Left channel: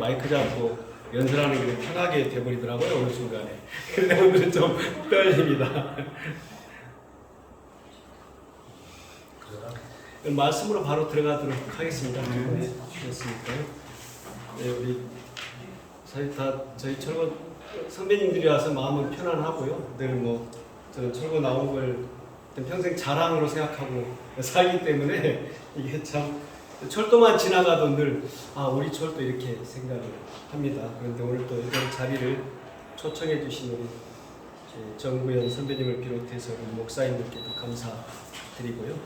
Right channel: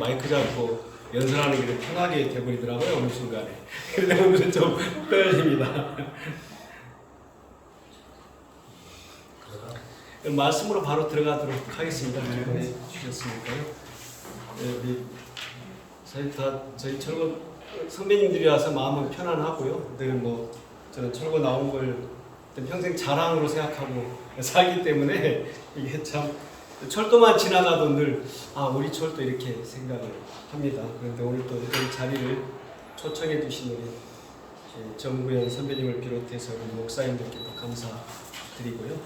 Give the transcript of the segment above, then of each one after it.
마이크 잡고 연설하는 게 편하게 돼버리더라고요, 어느 순간에. 그런데 오늘은 좀 떨립니다. 말씀으로 바로 들어가도록 하겠습니다. 기도해 주셨으니까요. 네, 우리 저희 철거 선배님들이 와서 마음은 편안하고요. 늘 뭐 저는 철거 나온 걸 평생 자랑으로 생각하고 살기 때문에 이게 참 철도만 지나가도 늘 우리 철도 이렇게 생각을 합니다. 그런데 오늘 또 이런 자리를 초청해 주신 우리 정구현 선배님을 비롯해서 우리 목사님들께도 감사드리고요.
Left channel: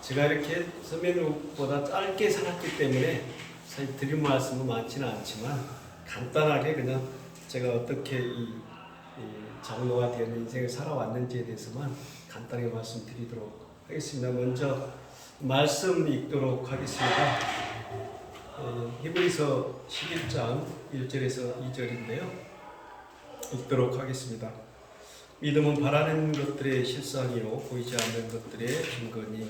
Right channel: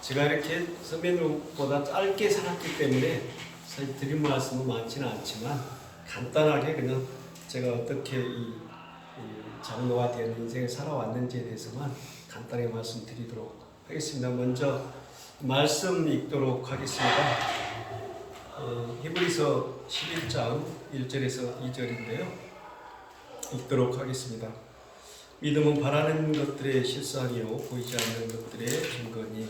제가 이렇게 선배님보다 짧게 살았기 때문에 사실 드린 말씀은 많지는 않지만 간단하게 그냥 제가 어떻게 이 장로가 되는 인생을 살아왔는지에 대해서만 간단하게 말씀드리도록 하겠습니다. 먼저 말씀 읽도록 하겠습니다. 히브리서 11장 1절에서 2절인데요. 읽도록 하겠습니다. 믿음은 바라는 것들의 실상이요 보이지 않는 것들의 증거니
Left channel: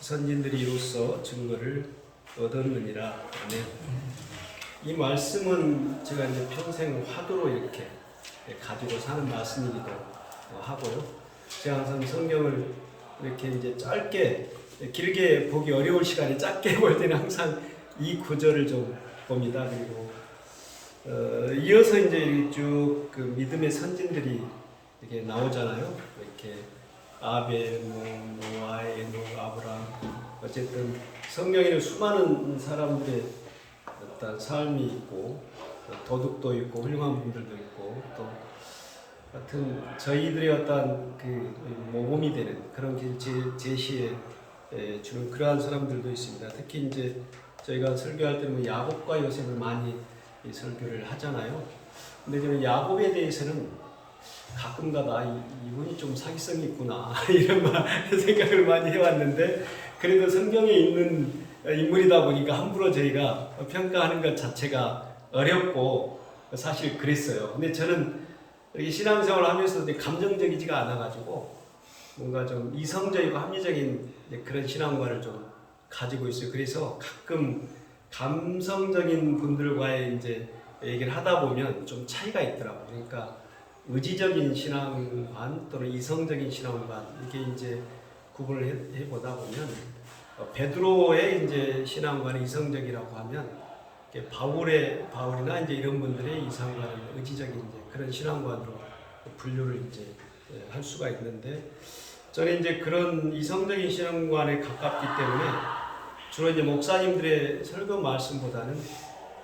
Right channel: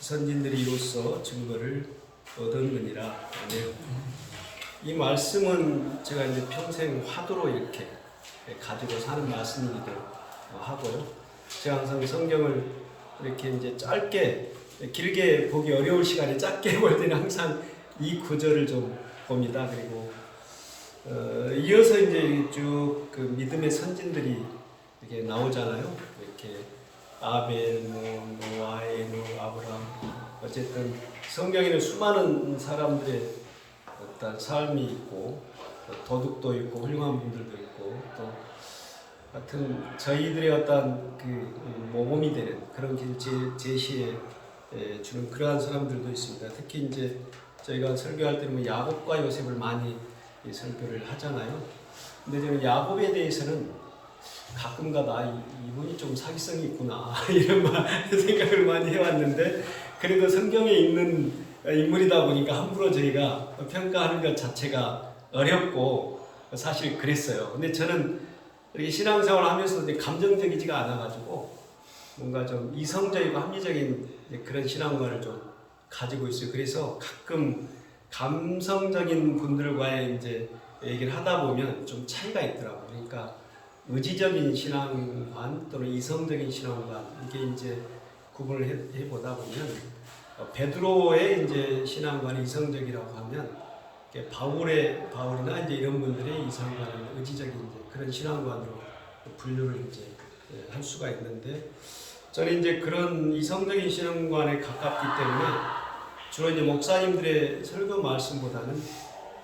선진들이 이로써 증거를 얻었느니라. 아멘. 이 말씀은 제가 이제 평생 화두로 이렇게 가지고 사는 말씀이기도 하고요. 제가 항상 성경을 이렇게 이제 짧게 길게 보기 어려울 시간에 짧게 볼 때는 항상 이 구절을 좀 봅니다. 그리고 이어서 이제 쭉 그 믿음의 선진들이 이렇게 나오잖아요. 이렇게 아벨, 노아, 에녹, 아브라함, 어쨌든 성경에는 수많은 사람들의 어떤 삶이 있고 도둑도 있고 훌륭한 분들도 있고 또 같은 저희들의 어떤 그 모범이 되는 그런 길 제시해 주는 그러한 사람들도 있습니다. 특히 이제 저희가 설교할 때는 야곱과 요셉을 많이 설교를 하잖아요. 근데 저는 야곱에 대해서는 가끔가다 이분이 좀 사기성이 있구나 이런 생각을 많이 해왔는데 그래도 성경에 있는 인물이다 보니까 함부로 저희가 평가하는 것 자체가 어렵고 사실 그랬어요. 근데 저는 이렇게 신앙생활을 하면서도 감정적이지가 않아가지고 뭔가 좀 이성적이고 합리적인 그런 신앙관을 좀 가지고 있어요. 그래서 가끔 감성적인 분들과의 이제 얘기를 하다 보면 좀 차이가 있더라고요. 그러니까 의지적인 신앙관 또는 이성적인 신앙관 이게 이제 구분을 해보다 보면 베드로의 이제 신앙관이 이성적이라고 하면 바울이나 이제 이런 분들의 이성관은 의지적인 이제 그런 신앙관으로 분류를 이제 할 수가 있는데 저는 이제 그런 이성적인 신앙관에 가깝기 때문에 주로 이제 목사님들의 설교 말씀보다는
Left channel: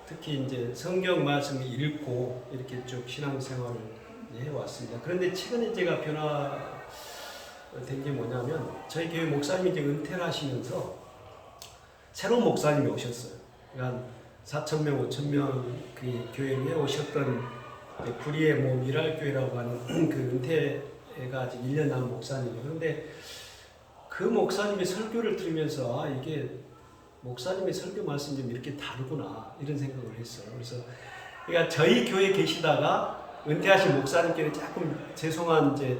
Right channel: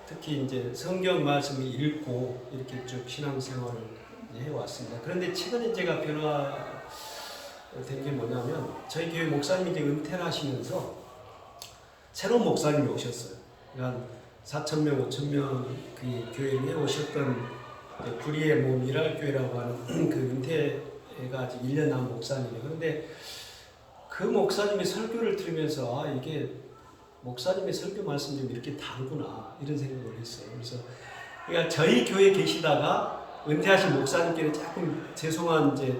특히 이제 성경 말씀을 읽고 이렇게 쭉 신앙생활을 해왔습니다. 그런데 최근에 제가 변화된 게 뭐냐면 저희 교회 목사님이 이제 은퇴를 하시면서 새로운 목사님이 오셨어요. 그러니까 4,000명, 5,000명 그 교회에 오셨던 구리의 미랄교회라고 하는 그 은퇴가 아직 1년 남은 목사님이에요. 그런데 그 목사님의 설교를 들으면서 이게 목사님의 설교 말씀이 좀 이렇게 다르구나 이런 생각을 했어요. 그래서 그러니까 저희 교회에 계시다가 은퇴하신 목사님께는 조금 죄송한 이제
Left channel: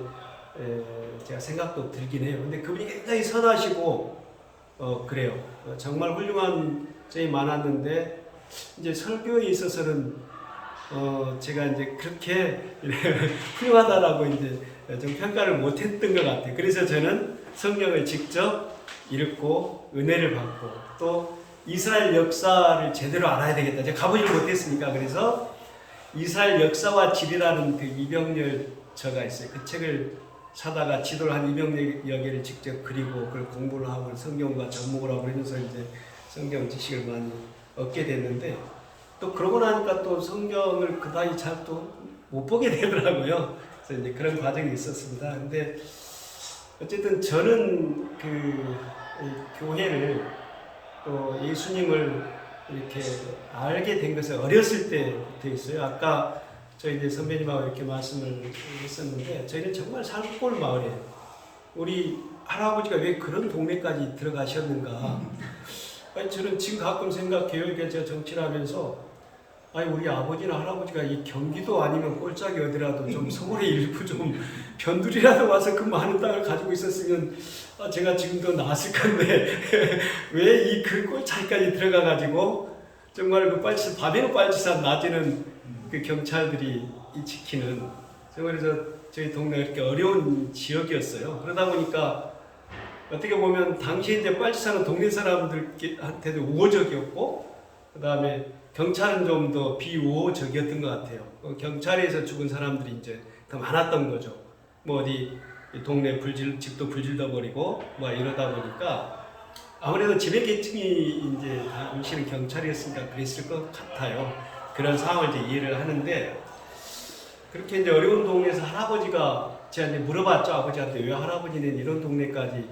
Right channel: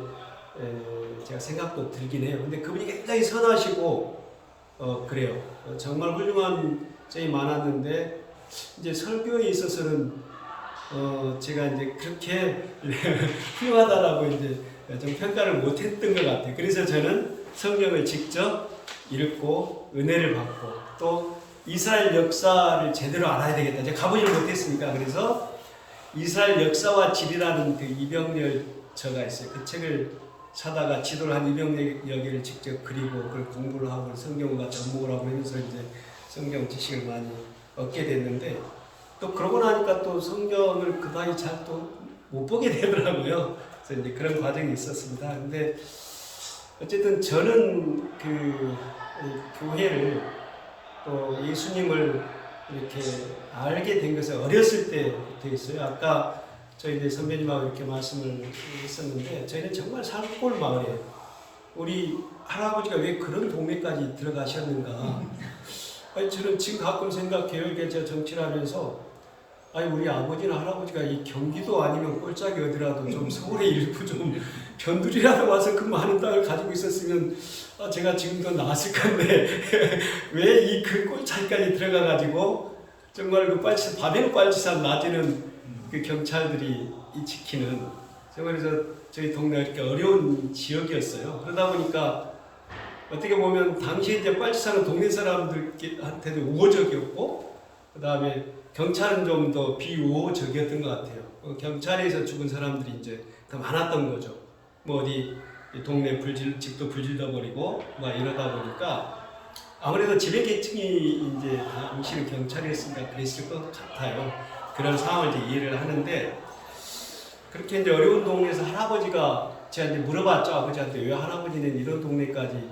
제가 생각도 들긴 해요. 근데 그분이 굉장히 선하시고 그래요. 정말 훌륭한 점이 많았는데 이제 설교에 있어서는 제가 이제 그렇게 훌륭하다라고 이제 좀 평가를 못했던 것 같아요. 그래서 저는 성경을 직접 읽고 은혜를 받고 또 이스라엘 역사를 제대로 알아야 되겠다. 제가 가보지를 못했으니까 그래서 이스라엘 역사와 지리라는 그 이병렬저가 있어요. 그 책을 사다가 지도를 한 이병렬 직접 그리고 그걸 공부를 하고 성경과 접목을 하고 하면서 이제 성경 지식을 많이 얻게 됐는데 또 그러고 나니까 또 성경을 그다지 잘 또 못 보게 되더라고요. 그래서 이제 그런 과정이 있었습니다. 근데 어쨌든 저는 그 교회를 또 예수님을 이렇게 알게 된 것은 어렸을 때부터 있어요. 아까 저희 이제 선배님하고 이렇게 말씀을 했었는데 저희는 정말 산골 마을이에요. 우리 할아버지가 왜 그런 동네까지 들어가셨는가? 아니 저는 지금 가끔 생각해요. 이게 제가 정치를 하면서 아니 우리 아버지나 할아버지가 이 경기도 아니면 꼴짝이 어디라도 좀 서울에 일부 좀 변두리라도 와서 그 많은 땅을 가지고 있었으면 제가 지금도 나았을 건데 왜 이 그 꼴짝이까지 들어가 가지고 정말 그 빨치산, 밤에는 빨치산, 낮에는 그 경찰들이 이 지키는, 정말 그래서 저희 동네가 이렇게 어려운 지역이었어요. 그러다 보니까 어떻게 보면 당시에 이제 빨치산은 동네 사람들한테도 우호적이었고, 그 다음에 경찰은 좀 더 비우호적이었던 것 같아요. 경찰에서 죽은 사람들이 이제 더 많았던 거죠. 뭐 어디 동네 집도 불질러 버리고 막 이러다 보니까 아무래도 지배계층이 이제 당시는 경찰이었으니까 그랬을 것 같아요. 그런 상황을 이제 이해를 하는데, 그렇게 이제 어려운 동네에서 할아버지가, 제가 이제 물어봤죠, 아버지한테. 왜 할아버지는 이런 동네까지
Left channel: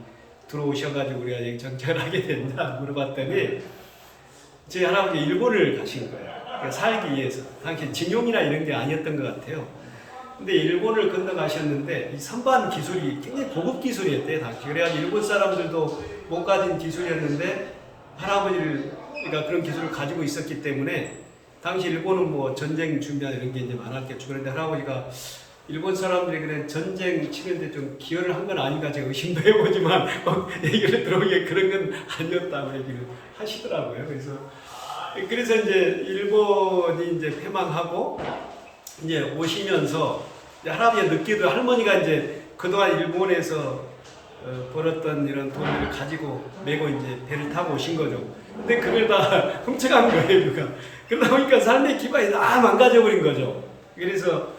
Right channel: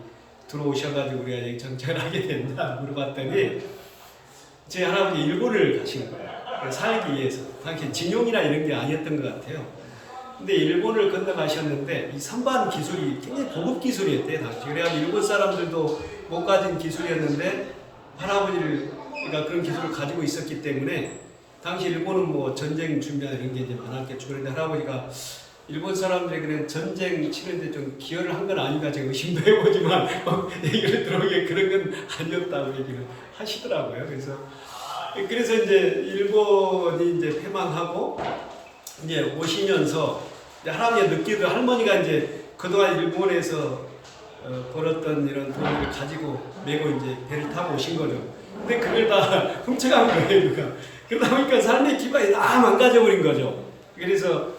들어오셔가지고 우리가 정착을 하게 됐냐 물어봤더니, 제 할아버지 일본을 가신 거예요. 살기 위해서. 당시 진용이나 이런 게 아니었던 것 같아요. 근데 일본을 건너가셨는데 이 선반 기술이 굉장히 고급 기술이었대요, 당시. 그래가지고 일본 사람들도 못 가진 기술이었는데 할아버지가 그런 기술을 가지고 있었기 때문에, 당시 일본은 뭐 전쟁 준비하는 이런 게 이제 많았겠죠. 그런데 할아버지가 일본 사람들이 그냥 전쟁 치는데 좀 기여를 한 건 아닌가 제가 의심도 해보지만 얘기를 들어보기에 그런 건 아니었다고 얘기를 하시더라고요. 그래서 이제 일본이 이제 패망하고 이제 오시면서 할아버지가 늦게도 할머니가 이제 그동안 일본에서 벌었던 이런 돈을 가지고 메고 이제 배를 타고 오신 거죠. 근데 그걸 다 훔쳐간 거예요, 누가. 그러다 보니까 삶의 기반이 다 망가져버린 거죠. 그래서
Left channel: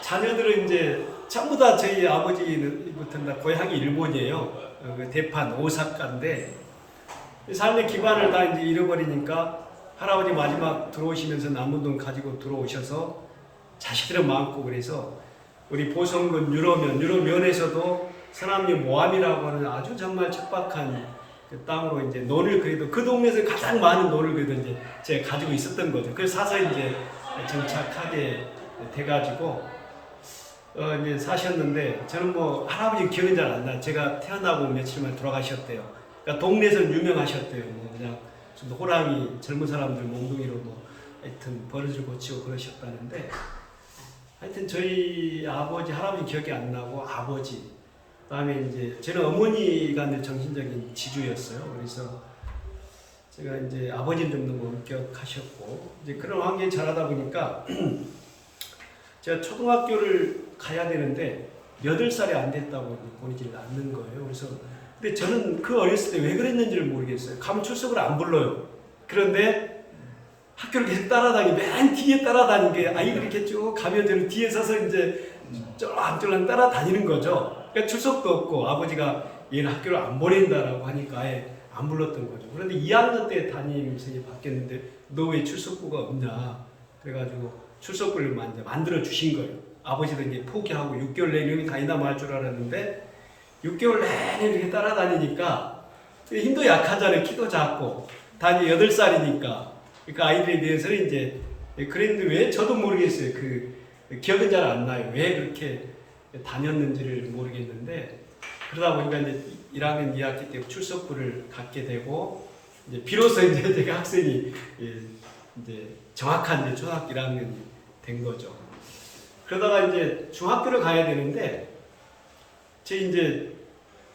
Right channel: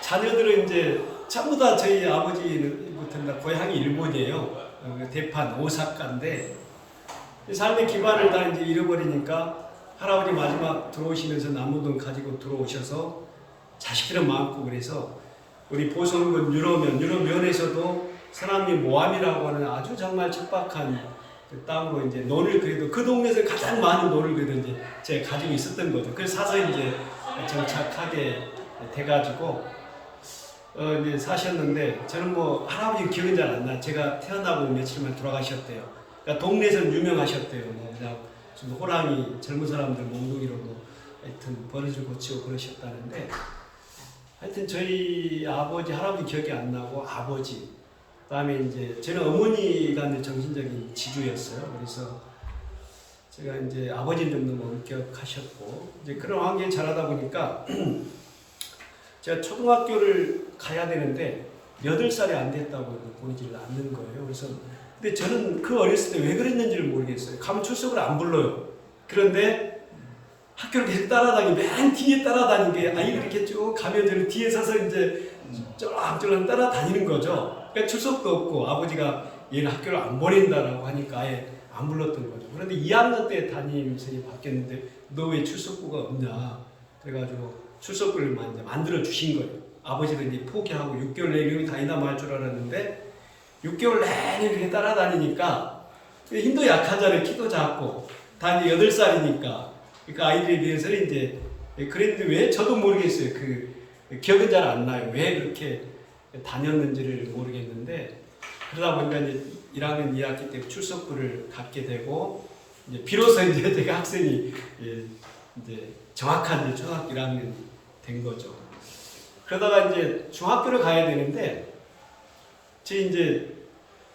자녀들은 이제 전부 다 저희 아버지부터는 다 고향이 일본이에요. 대판 오사카인데 삶의 기반을 다 이제 잃어버리니까 할아버지 마지막 들어오시면서 남은 돈 가지고 들어오셔서 자식들은 많고, 그래서 우리 보성군 유로면에서도 서남리 모함이라고 하는 아주 정말 척박한 그 땅으로 이제 논을, 그래도 그 동네에서 가장 많은 논을 그래도 이제 제가 가지고 있었던 거죠. 그래서 사서 이제 정착하게 돼가지고 이제 사셨는데, 저는 뭐 할아버지 기억은 잘 안 나. 제가 태어나고 며칠 만에 돌아가셨대요. 그러니까 동네에서는 유명하셨대요. 뭐 그냥 좀 호랑이, 젊은 사람들 몽둥이로 뭐 하여튼 버릇을 고치고 그러셨다는데, 하여튼 저희 아버지, 할아버지 기억이 안 나고 아버지, 그다음에 이제 저는 어머니가 정신적인 지주였어요. 그래서 제가 이제 아버지는 좀 너무 엄격하셨고, 이제 그런 환경에 자라다 보니까 제가 초등학교를 가야 되는데 8살이 안 됐다고 보내지를 않는 거예요. 그래서 근데 저는 그 어렸을 때 왜 그랬는지를 모르겠어요. 가면 출석을 안 불러요. 그런데 학교를 계속 맨 뒤에 따라다니는 게, 아이가 이렇게 쭉 가면 저는 뒤에 서서 이제 쫄랑쫄랑 따라다니는 거죠. 그러니까 출석도 없고 아버지가 얘는 학교를 안 보낸다라고 하니까 아예 안 불렀던 거죠. 그런데 2학년 때 담임선생님이 바뀌었는데 너 왜 출석부가 없냐. 그래가지고 출석부를 만들어 주신 거예요. 아버지도 이제 포기하고 6개월 내내 여기 다니나 말 줄 알았는데 6개월 내내 이렇게 따라다니니까 힘도 약하잖아요. 키도 작고 다 이제 8살이니까. 그러니까 아이들에 대해서는 이제 그랬는데 왜 저도 모르겠어요. 그 기억은 잘 안 나요. 왜 그렇게 다녔는지를 모르겠는데, 그러다 보니까 이제 1학년 2학기 때 출석부를 갖게 되고, 이제 비로소 이제 제가 학생이 이제 정확한 이제 초등학교 1학년이 된 거죠. 그러다가 이제 중학교를 가야 되는데, 이제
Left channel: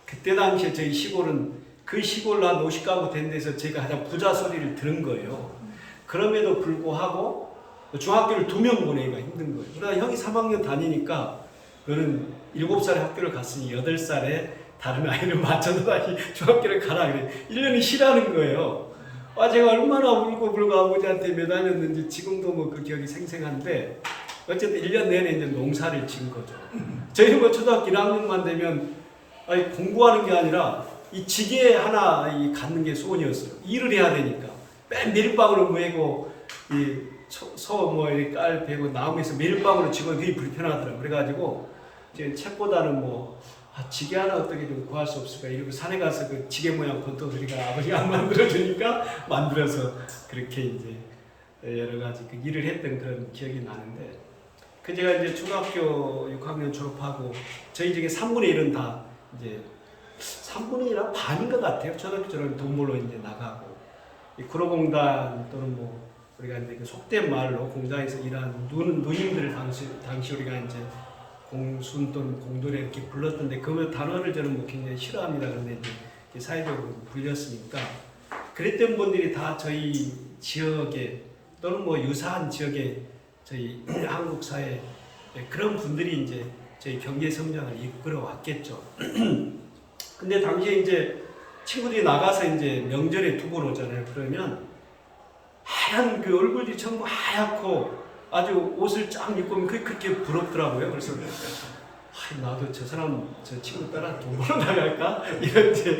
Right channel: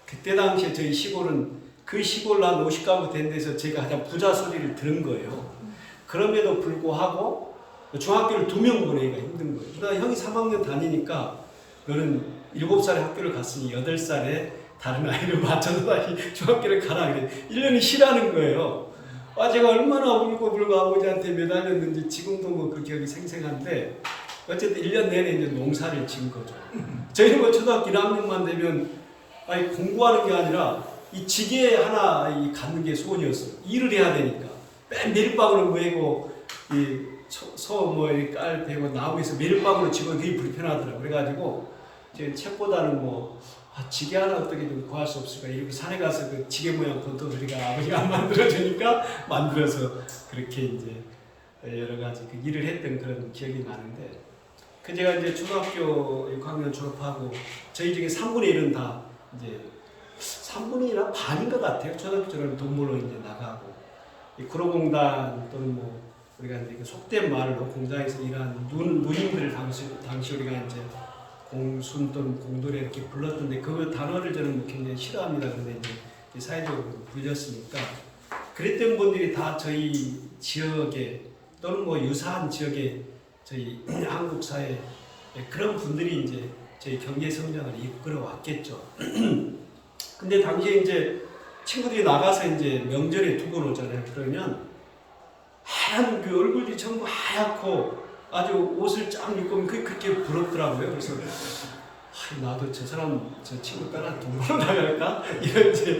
그때 당시에 저희 시골은 그 시골로 한 50가구 된 데서 제가 가장 부자 소리를 들은 거예요. 그럼에도 불구하고 중학교를 2명 보내기가 힘든 거예요. 그러다 형이 3학년 다니니까 너는 7살에 학교를 갔으니 8살에 다른 아이를 맞춰서 다시 중학교를 가라. 그래. 1년이 쉬라는 거예요. 제가 얼마나 울고 아버지한테 매달렸는지 지금도 뭐 그 기억이 생생한데, 어쨌든 1년 내내 이제 농사를 지은 거죠. 저희는 뭐 초등학교 1학년만 되면 공부하는 게 아니라 이 지게 하나 갖는 게 소원이었어요. 일을 해야 되니까. 맨 메릴방으로 메고 소 이렇게 깔 베고 나무에서 메릴방으로 지고 그게 불편하더라고요. 그래가지고 책보다는 지게 하나 어떻게 좀 구할 수 없을까 이러고 산에 가서 그 지게 모양 권토소리가 아버지가 안 만들어주니까 만들어서 그렇게 이제 여러 가지 그 일을 했던 그런 기억이 나는데, 제가 이제 초등학교 6학년 졸업하고 저희 중에 3분의 1은 다 이제 3분의 1은 반인 것 같아요. 초등학교처럼 돈 벌러 이제 나가고, 이 구로공단 또는 우리가 이제 그 속된 말로 공장에서 일한 누님들을 당시 우리가 이제 공순 또는 공돌에 이렇게 불렀던데, 그 단어를 저는 굉장히 싫어합니다. 그런데 이제 사회적으로 불렸으니까 그랬던 분들이 다 저희 지역에 또는 뭐 유사한 지역에 저희 한국 사회 그런 분들이 이제 저희 경제 성장을 이끌어 왔겠죠. 근데 당시에 이제 친구들이 나가서 이제 명절에 두 번 오잖아요. 그러면 하얀 그 얼굴이 전부 하얗고 아주 옷을 쫙 입고 오면 그게 그렇게 부럽더라고요. 그래서 나도 저 사람 저 친구 따라 돈 벌어 나갈까 이런 이제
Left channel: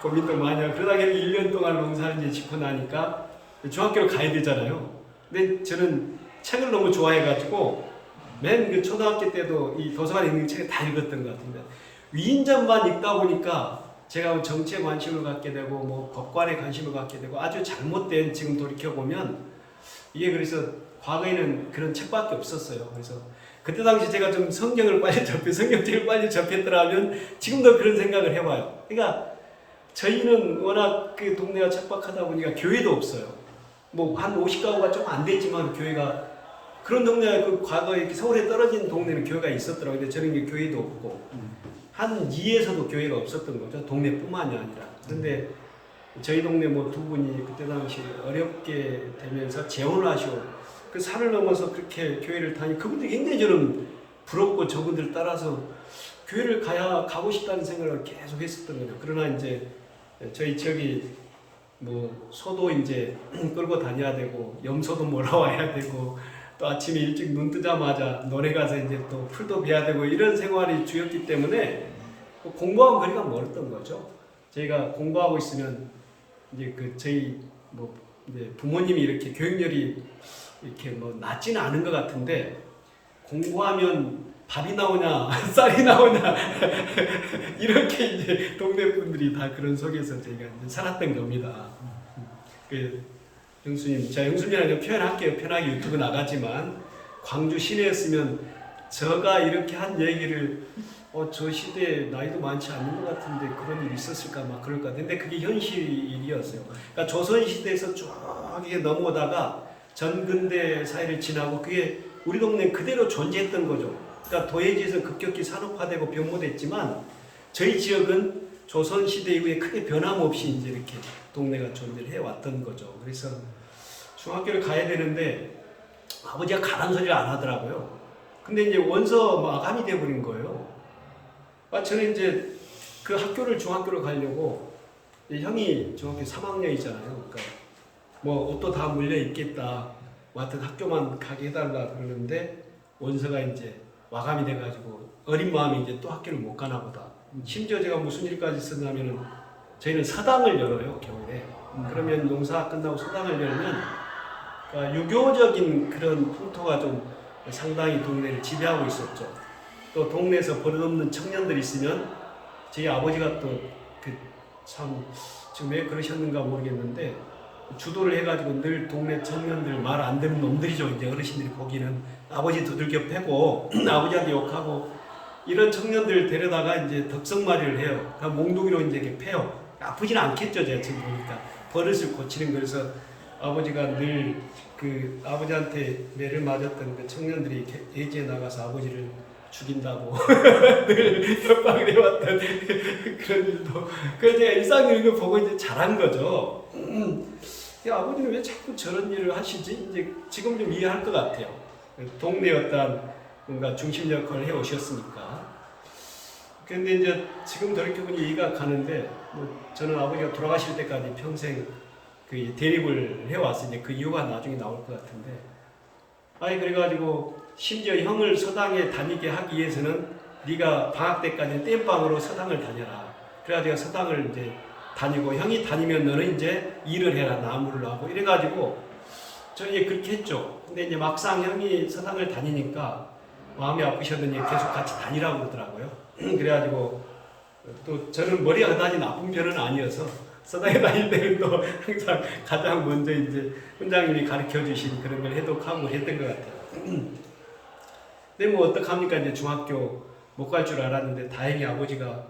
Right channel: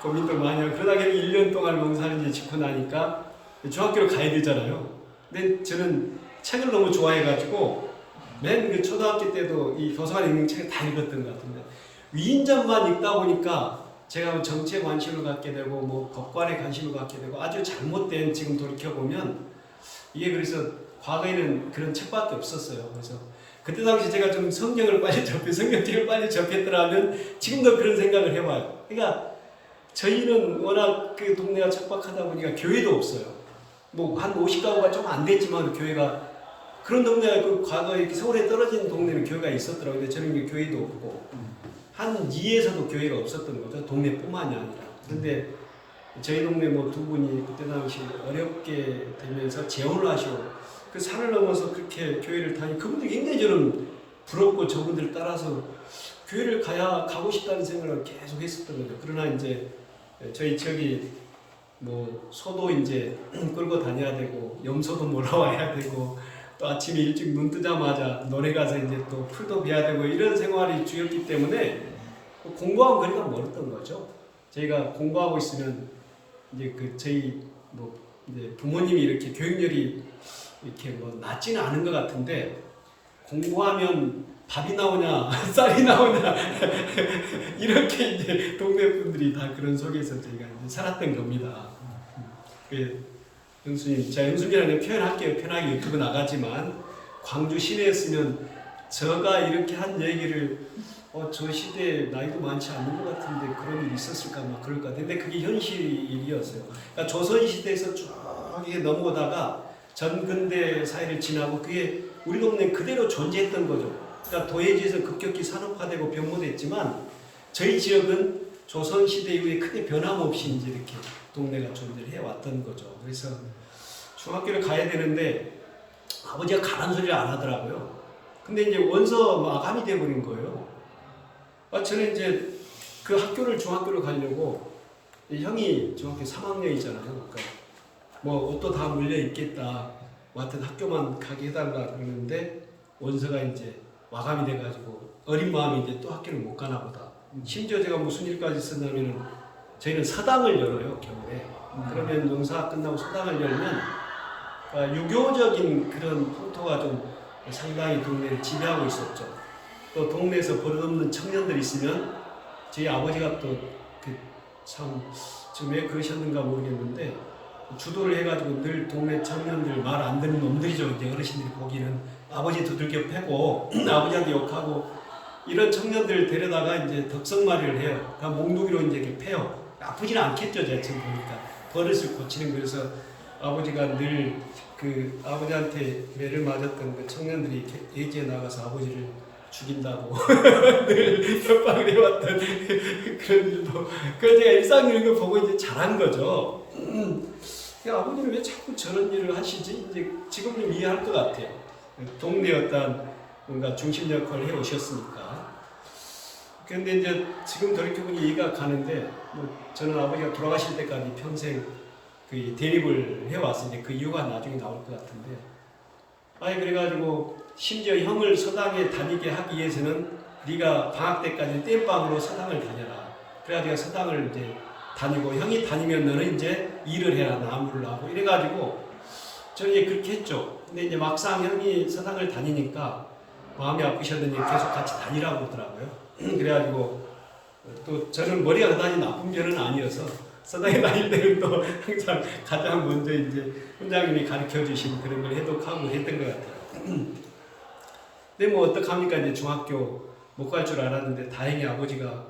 고민도 많이 하고 그러다가 1년 동안 농사를 이제 짓고 나니까 중학교를 가야 되잖아요. 근데 저는 책을 너무 좋아해가지고 맨 그 초등학교 때도 이 도서관에 있는 책을 다 읽었던 것 같은데 위인전만 읽다 보니까 제가 정치에 관심을 갖게 되고 뭐 법관에 관심을 갖게 되고 아주 잘못된 지금 돌이켜 보면 이게 그래서 과거에는 그런 책밖에 없었어요. 그래서 그때 당시 제가 좀 성경을 빨리 성경책을 빨리 접했더라면 지금도 그런 생각을 해봐요. 그러니까 저희는 워낙 그 동네가 척박하다 보니까 교회도 없어요. 뭐 한 50가구가 좀 안 됐지만 교회가 그런 동네가 그 과거에 서울에 떨어진 동네는 교회가 있었더라고요. 근데 저는 교회도 없고 한 2에서도 교회가 없었던 거죠. 동네뿐만이 아니라. 그런데 저희 동네 뭐 두 분이 그때 당시 어렵게 되면서 재혼을 하시고 그 산을 넘어서 그렇게 교회를 다니 그분들이 굉장히 저는 부럽고 저분들 따라서 교회를 가고 싶다는 생각을 계속 했었던 거죠. 그러나 이제 저희 지역이 뭐 소도 이제 끌고 다녀야 되고 염소도 몰아와야 되고 또 아침에 일찍 눈 뜨자마자 논에 가서 이제 또 풀도 베야 되고 이런 생활이 주였기 때문에 공부하고 거리가 멀었던 거죠. 저희가 공부하고 있으면 이제 그 저희 뭐 이제 부모님이 이렇게 교육열이 이렇게 뭐 낮지는 않은 것 같은데 공부하면 밥이 나오냐 쌀이 나오냐 이렇게 이제 동네 분들이 다 그런 속에서 저희가 이제 살았던 겁니다. 그 형수님, 제가 형수님이라고 표현할게요. 편하게 유튜브 나가지만 광주 시내였으면 저가 이렇게 한 얘기를 저 시대에 나이도 많지 않은 것 같은데 그런 일이 있었을까 막 그럴 것 같은데 그게 현실이었어요. 그러니까 조선 시대에서 쭉 이게 넘어오다가 전근대 사회를 지나고 그게 우리 동네에 그대로 존재했던 거죠. 그러니까 도예지에서 급격히 산업화되고 변모됐지만 저희 지역은 조선 시대 이후에 크게 변함없이 이제 이렇게 동네가 존재를 해왔던 거죠. 그래서 중학교를 가야 되는데 아버지가 가란 소리를 안 하더라고요. 근데 이제 원서 마감이 돼버린 거예요. 저는 이제 그 중학교를 가려고 형이 중학교 3학년이잖아요. 그러니까 뭐 옷도 다 물려 있겠다. 하여튼 학교만 가게 해달라 그러는데 원서가 이제 마감이 돼가지고 어린 마음에 이제 또 학교를 못 가나 보다. 심지어 제가 무슨 일까지 썼냐면은 저희는 서당을 열어요 겨울에. 그러면 농사 끝나고 서당을 열면 그러니까 유교적인 그런 풍토가 좀 상당히 동네를 지배하고 있었죠. 또 동네에서 버릇없는 청년들이 있으면 저희 아버지가 또 그 참 지금 왜 그러셨는가 모르겠는데 주도를 해가지고 늘 동네 청년들 말 안 듣는 놈들이죠. 이제 어르신들이 보기는 아버지 두들겨 패고 아버지한테 욕하고 이런 청년들 데려다가 이제 덕성마리를 해요. 그러니까 몽둥이로 이제 이렇게 패요. 아프지는 않겠죠, 제가 지금 보니까 버릇을 고치는 거여서 아버지가 늘 그 아버지한테 매를 맞았던 그 청년들이 예지에 나가서 아버지를 죽인다고 늘 협박을 해왔던 그런 일도 그걸 제가 일상 이런 거 보고 이제 잘한 거죠. 야, 아버지는 왜 자꾸 저런 일을 하시지? 이제 지금 좀 이해할 것 같아요. 동네 어떤 뭔가 중심 역할을 해 오셨으니까. 그런데 이제 지금 돌이켜보니 이해가 가는데, 뭐 저는 아버지가 돌아가실 때까지 평생 그 대립을 해왔으니 그 이유가 나중에 나올 것 같은데, 그래가지고 심지어 형을 서당에 다니게 하기 위해서는 네가 방학 때까지 땜빵으로 서당을 다녀라. 그래가지고 서당을 이제 다니고 형이 다니면 너는 이제 일을 해라 나무를 하고 이래가지고 저는 이제 그렇게 했죠. 근데 이제 막상 형이 서당을 다니니까 마음이 아프셨더니 계속 같이 다니라고 그러더라고요. 그래가지고 또 저는 머리가 그다지 나쁜 편은 아니어서 서당에 다닐 때는 또 항상 가장 먼저 이제 훈장님이 가르쳐 주신 그런 걸 해독하고 했던 것 같아요. 근데 뭐 어떡합니까? 이제 중학교 못 갈 줄 알았는데 다행히 아버지가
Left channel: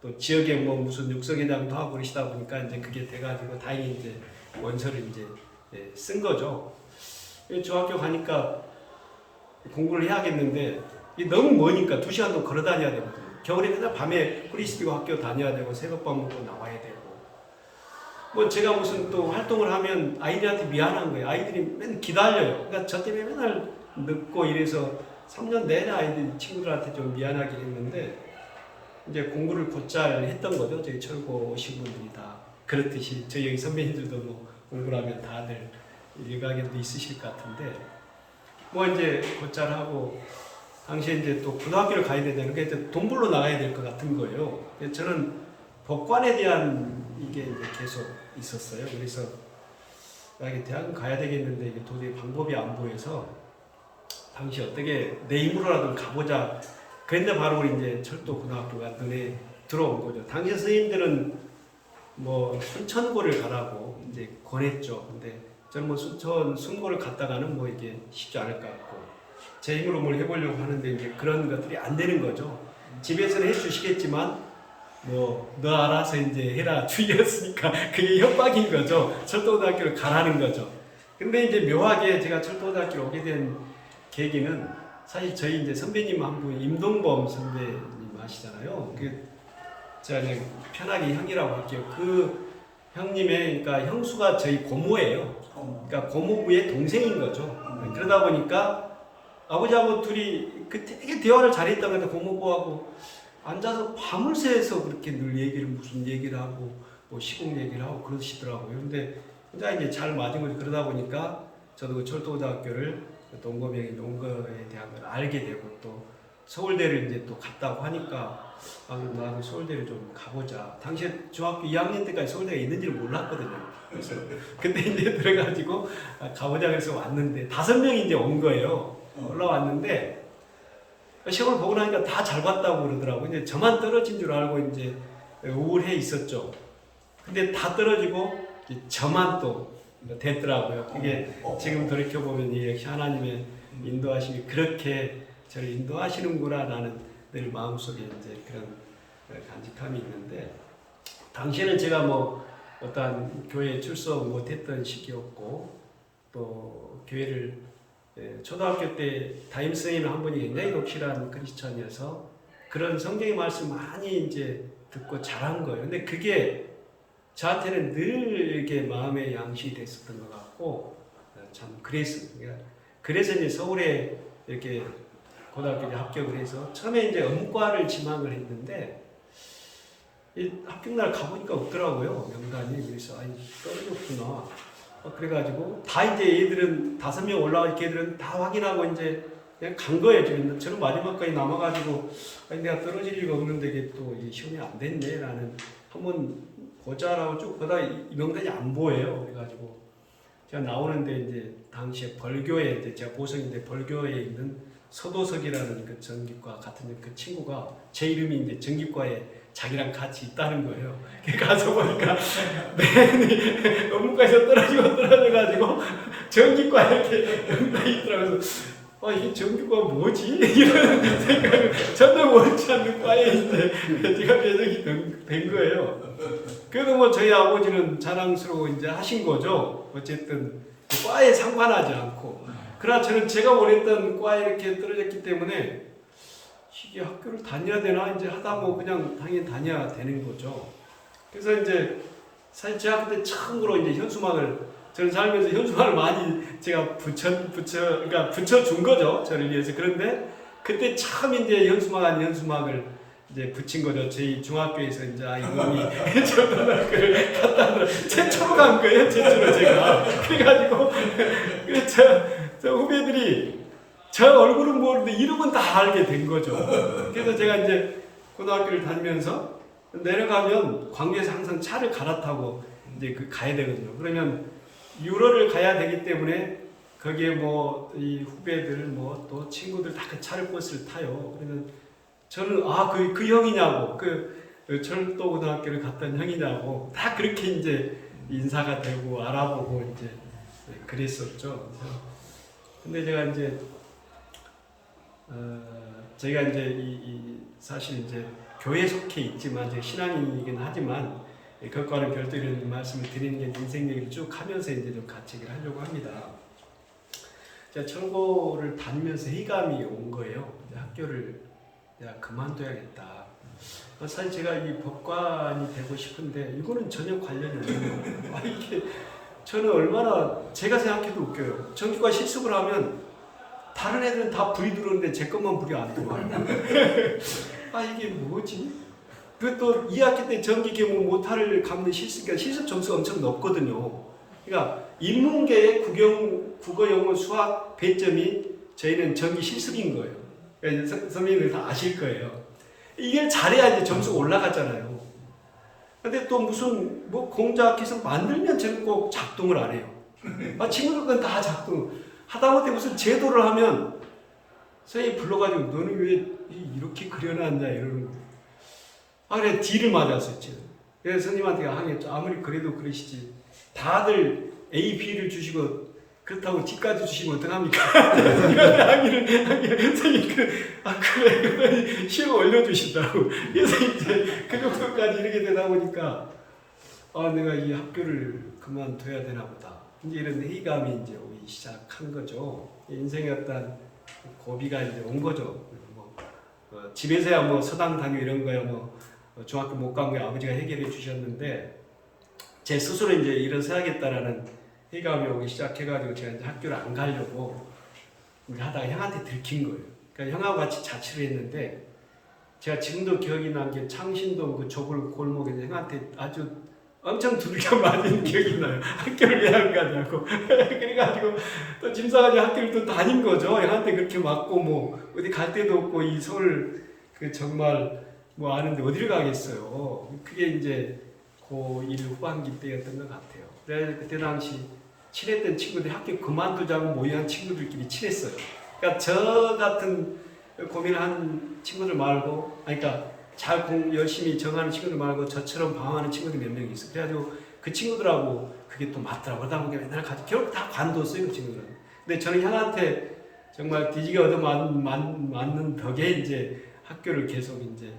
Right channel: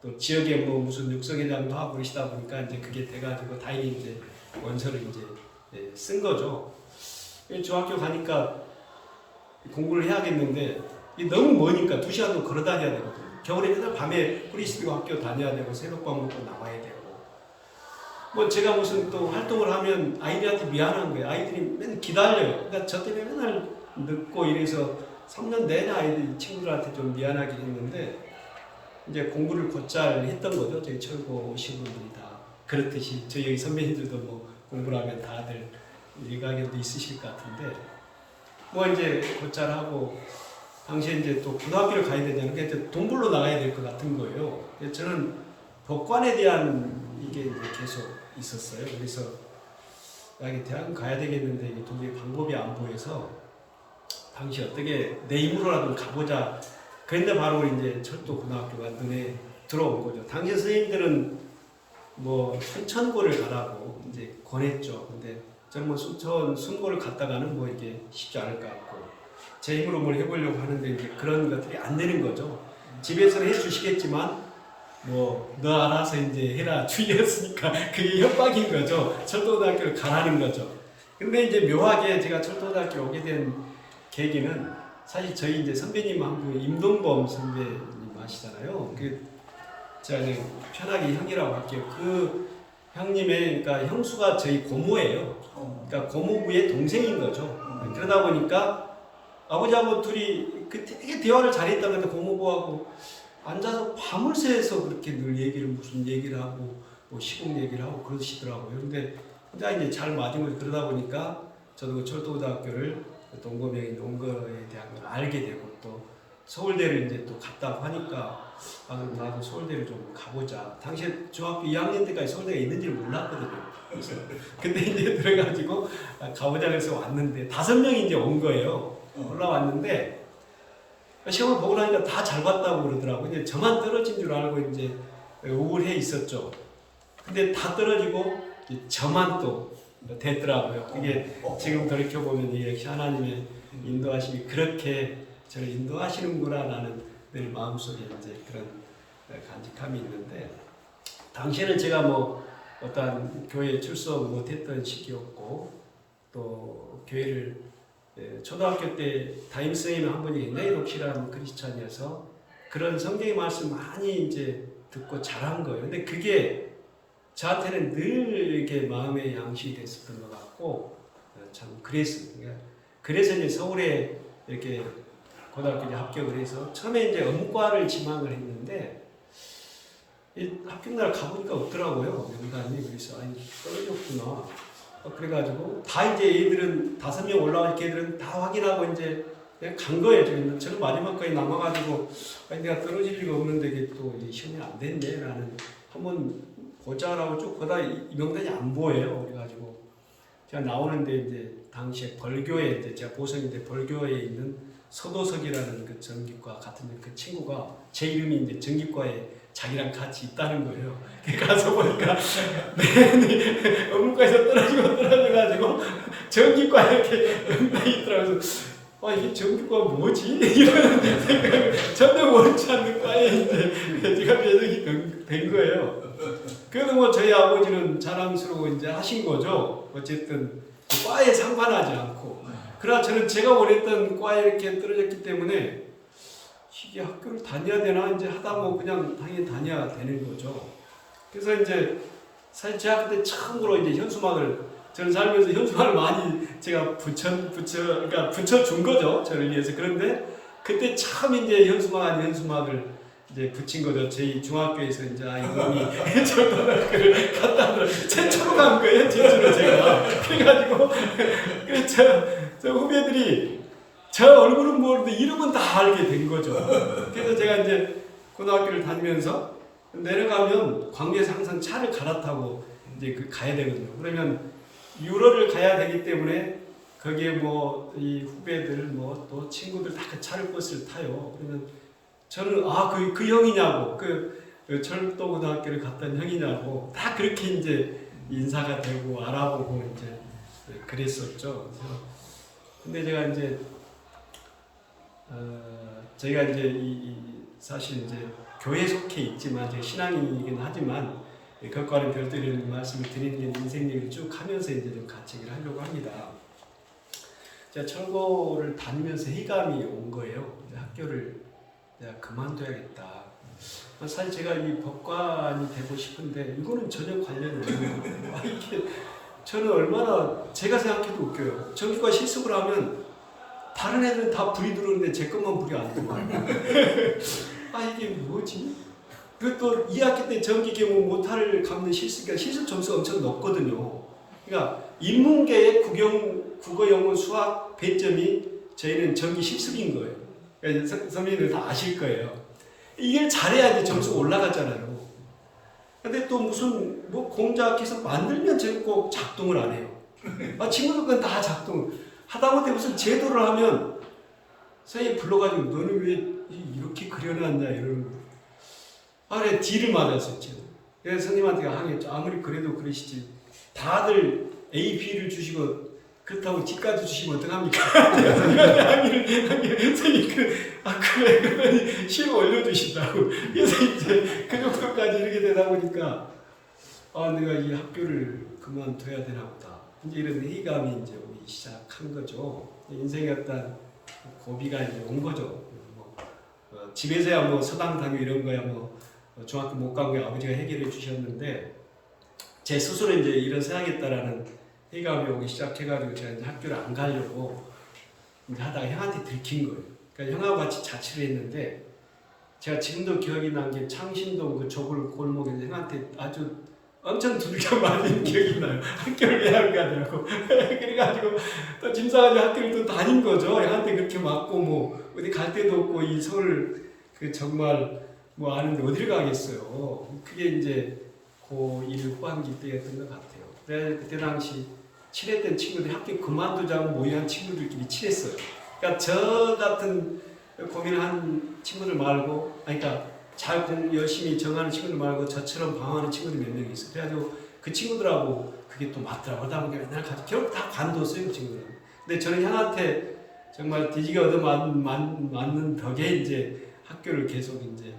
또 지역에 뭐 무슨 육성회장도 하고 그러시다 보니까 이제 그게 돼가지고 다행히 이제 원서를 이제 쓴 거죠. 중학교 가니까 공부를 해야겠는데 너무 머니까 2시간도 걸어 다녀야 되거든요. 겨울에 맨날 밤에 프리스비고 학교 다녀야 되고 새벽밥 먹고 나와야 되고 뭐 제가 무슨 또 활동을 하면 아이들한테 미안한 거예요. 아이들이 맨날 기다려요. 그러니까 저 때문에 맨날 늦고 이래서 3년 내내 아이들 친구들한테 좀 미안하게 했는데 이제 공부를 곧잘 했던 거죠. 저희 철고 오신 분들이 다 그렇듯이 저희 여기 선배님들도 뭐 공부를 하면 다들 일가견도 있으실 것 같은데 뭐 이제 곧잘 하고 당시에 이제 또 고등학교를 가야 되잖아요. 그러니까 돈 벌러 나가야 될 것 같은 거예요. 저는 법관에 대한 이게 이제 계속 있었어요. 그래서 이게 대학은 가야 되겠는데 이게 도저히 방법이 안 보여서 당시 어떻게 내 힘으로라도 가보자. 그런데 바로 이제 철도 고등학교가 눈에 들어온 거죠. 당시 선생님들은 뭐 순천고를 가라고 이제 권했죠. 근데 저는 뭐 순고를 갔다가는 뭐 이게 쉽지 않을 것 같고 제 힘으로 뭘 해보려고 하는데 이제 그런 것들이 안 되는 거죠. 집에서는 해주시겠지만 뭐 너 알아서 이제 해라 주의였으니까 그게 협박인 거죠. 철도고등학교를 가라는 거죠. 근데 이제 묘하게 제가 철도고등학교를 오게 된 계기는 사실 저희 이제 선배님 한 분 임동범 선배님 아시잖아요. 그 제가 그냥 편하게 형이라고 할게요. 그 형님의 그러니까 형수가 저희 고모예요. 그러니까 고모부의 동생인 거죠. 그러다 보니까 아버지하고 둘이 그 되게 대화를 잘했던 건데 고모부하고 앉아서 밤을 새서 그렇게 늘 얘기를 무슨 얘기를 하고 뭐 시국 얘기를 하고 그러시더라고요. 근데 혼자 이제 잘 맞은 거지. 그러다 보니까 저도 그 철도고등학교를 동고명이 온 거에 대한 걸 알게 되고 또 서울대를 이제 또 갔다고 하니까 아 그럼 나도 서울대를 좀 가보자. 당시에 중학교 2학년 때까지 서울대가 있는지를 몰랐거든요. 그래서 근데 이제 들어가지고 가보자 그래서 왔는데 5명이 이제 온 거예요. 올라왔는데 시험을 보고 나니까 다 잘 봤다고 그러더라고요. 이제 저만 떨어진 줄 알고 이제 우울해 있었죠. 근데 다 떨어지고 저만 또 됐더라고요. 이게 지금 돌이켜 보면 이게 하나님의 인도하심이 그렇게 저를 인도하시는구나라는 늘 마음속에 이제 그런 간직함이 있는데 당시에는 제가 뭐 어떠한 교회에 출석 못했던 시기였고 또 교회를 초등학교 때 담임 선생님 한 분이 굉장히 독실한 크리스천이어서 그런 성경의 말씀 많이 이제 듣고 자란 거예요. 근데 그게 저한테는 늘 이렇게 마음의 양식이 됐었던 것 같고 참 그랬습니다. 그래서 이제 서울에 이렇게 고등학교 이제 합격을 해서 처음에 이제 업무과를 지망을 했는데 합격날 가보니까 없더라고요. 명단이. 그래서 아니 떨어졌구나. 그래가지고 다 이제 얘들은 5명 올라와 걔들은 다 확인하고 이제 그냥 간 거예요. 저는 마지막까지 남아가지고 아니 내가 떨어질 리가 없는데 이게 또 시험이 안 됐네 라는 한번 보자라고 쭉 보다 이 명단이 안 보여요. 그래가지고 제가 나오는데 이제 당시에 벌교에 이제 제가 보성인데 벌교에 있는 서도석이라는 그 전기과 같은 그 친구가 제 이름이 이제 전기과에 자기랑 같이 있다는 거예요. 가서 보니까 맨 업무과에서 떨어져가지고 전기과 이렇게 명단이 있더라고요. 아 이게 전기과가 뭐지? 이런 생각을 전혀 원치 않는 과에 이제 제가 배정이 된 거예요. 그래도 뭐 저희 아버지는 자랑스러워 이제 하신 거죠. 어쨌든 과에 상관하지 않고. 그러나 저는 제가 원했던 과에 이렇게 떨어졌기 때문에 이게 학교를 다녀야 되나 이제 하다 뭐 그냥 당연히 다녀야 되는 거죠. 그래서 이제 사실 제가 그때 처음으로 이제 현수막을 저는 살면서 현수막을 많이 제가 그러니까 붙여준 거죠. 저를 위해서. 그런데 그때 처음 이제 현수막 아닌 현수막을 이제 붙인 거죠. 저희 중학교에서 이제 이분이 철도학교를 갔다 최초로 간 거예요. 최초로 제가. 그래가지고 저 후배들이 저 얼굴은 모르는데 이름은 다 알게 된 거죠. 그래서 제가 이제 고등학교를 다니면서 내려가면 광주에서 항상 차를 갈아타고 이제 가야 되거든요. 그러면 유로를 가야 되기 때문에 거기에 뭐 이 후배들 뭐 또 친구들 다 그 차를 버스를 타요. 그러면 저는 그 형이냐고 그 철도고등학교를 갔던 형이냐고 다 그렇게 이제 인사가 되고 알아보고 이제 그랬었죠. 근데 제가 이제 저희가 이제 사실 이제 교회에 속해 있지만 제 신앙인이긴 하지만 그것과는 별도 이런 말씀을 드리는 게 인생 얘기를 쭉 하면서 이제 좀 같이 얘기를 하려고 합니다. 제가 철고를 다니면서 회의감이 온 거예요. 이제 학교를 내가 그만둬야겠다. 사실 제가 이 법관이 되고 싶은데 이거는 전혀 관련이 없는 거예요. 이게 저는 얼마나 제가 생각해도 웃겨요. 전기과 실습을 하면 다른 애들은 다 불이 들어오는데 제 것만 불이 안 들어와요. 이게 뭐지? 그리고 또 2학기 때 전기계 모타를 감는 실습 점수가 엄청 높거든요. 그러니까 인문계의 국어, 영어, 수학 배점이 저희는 전기 실습인 거예요. 그러니까 선배님들 다 아실 거예요. 이게 잘해야 이제 점수가 올라가잖아요. 근데 또 무슨 공작해서 만들면 저는 꼭 작동을 안 해요. 친구들 건 다 작동. 하다못해 무슨 제도를 하면 선생님 불러가지고 너는 왜 이렇게 그려놨냐 이러는 거예요. 그래 D를 맞았어요. 그래서 선생님한테 항의했죠. 아무리 그래도 그러시지. 다들 A, B를 주시고 그렇다고 D까지 주시면 어떡합니까? 항의를 선생님 그래 그러더니 시로 올려주신다고. 그래서 이제 그 정도까지 이렇게 되다 보니까 내가 이 학교를 그만둬야 되나 보다. 이제 이런 회의감이 이제 오기 시작한 거죠. 인생의 어떤 고비가 이제 온 거죠. 집에서야 서당 다니고 이런 거야 중학교 못 간 거 아버지가 해결해 주셨는데 제 스스로 이제 일어서야겠다라는 회의감이 오기 시작해가지고 제가 이제 학교를 안 가려고 이제 하다가 형한테 들킨 거예요. 그러니까 형하고 같이 자취를 했는데 제가 지금도 기억이 난 게 창신동 그 좁은 골목에서 형한테 아주 엄청 두들겨 맞은 기억이 나요. 학교를 왜 안 가냐고. 그래가지고 또 짐 싸가지고 학교를 또 다닌 거죠. 형한테 그렇게 맞고 어디 갈 데도 없고 이 서울 정말 아는데 어디를 가겠어요. 그게 이제 고1 후반기 때였던 것 같아요. 그래서 그때 당시 친했던 친구들이 학교 그만두자고 모의한 친구들끼리 친했어요. 그러니까 저 같은 고민한 친구들 말고, 그러니까 열심히 정하는 친구들 말고 저처럼 방황하는 친구들이 몇 명 있어요. 그래가지고 그 친구들하고 그게 또 맞더라고요. 그러다 보니까 맨날 같이 결국 다 관뒀어요, 그 친구들은. 근데 저는 형한테 정말 뒤지게 얻어맞는 덕에 이제 학교를 계속 이제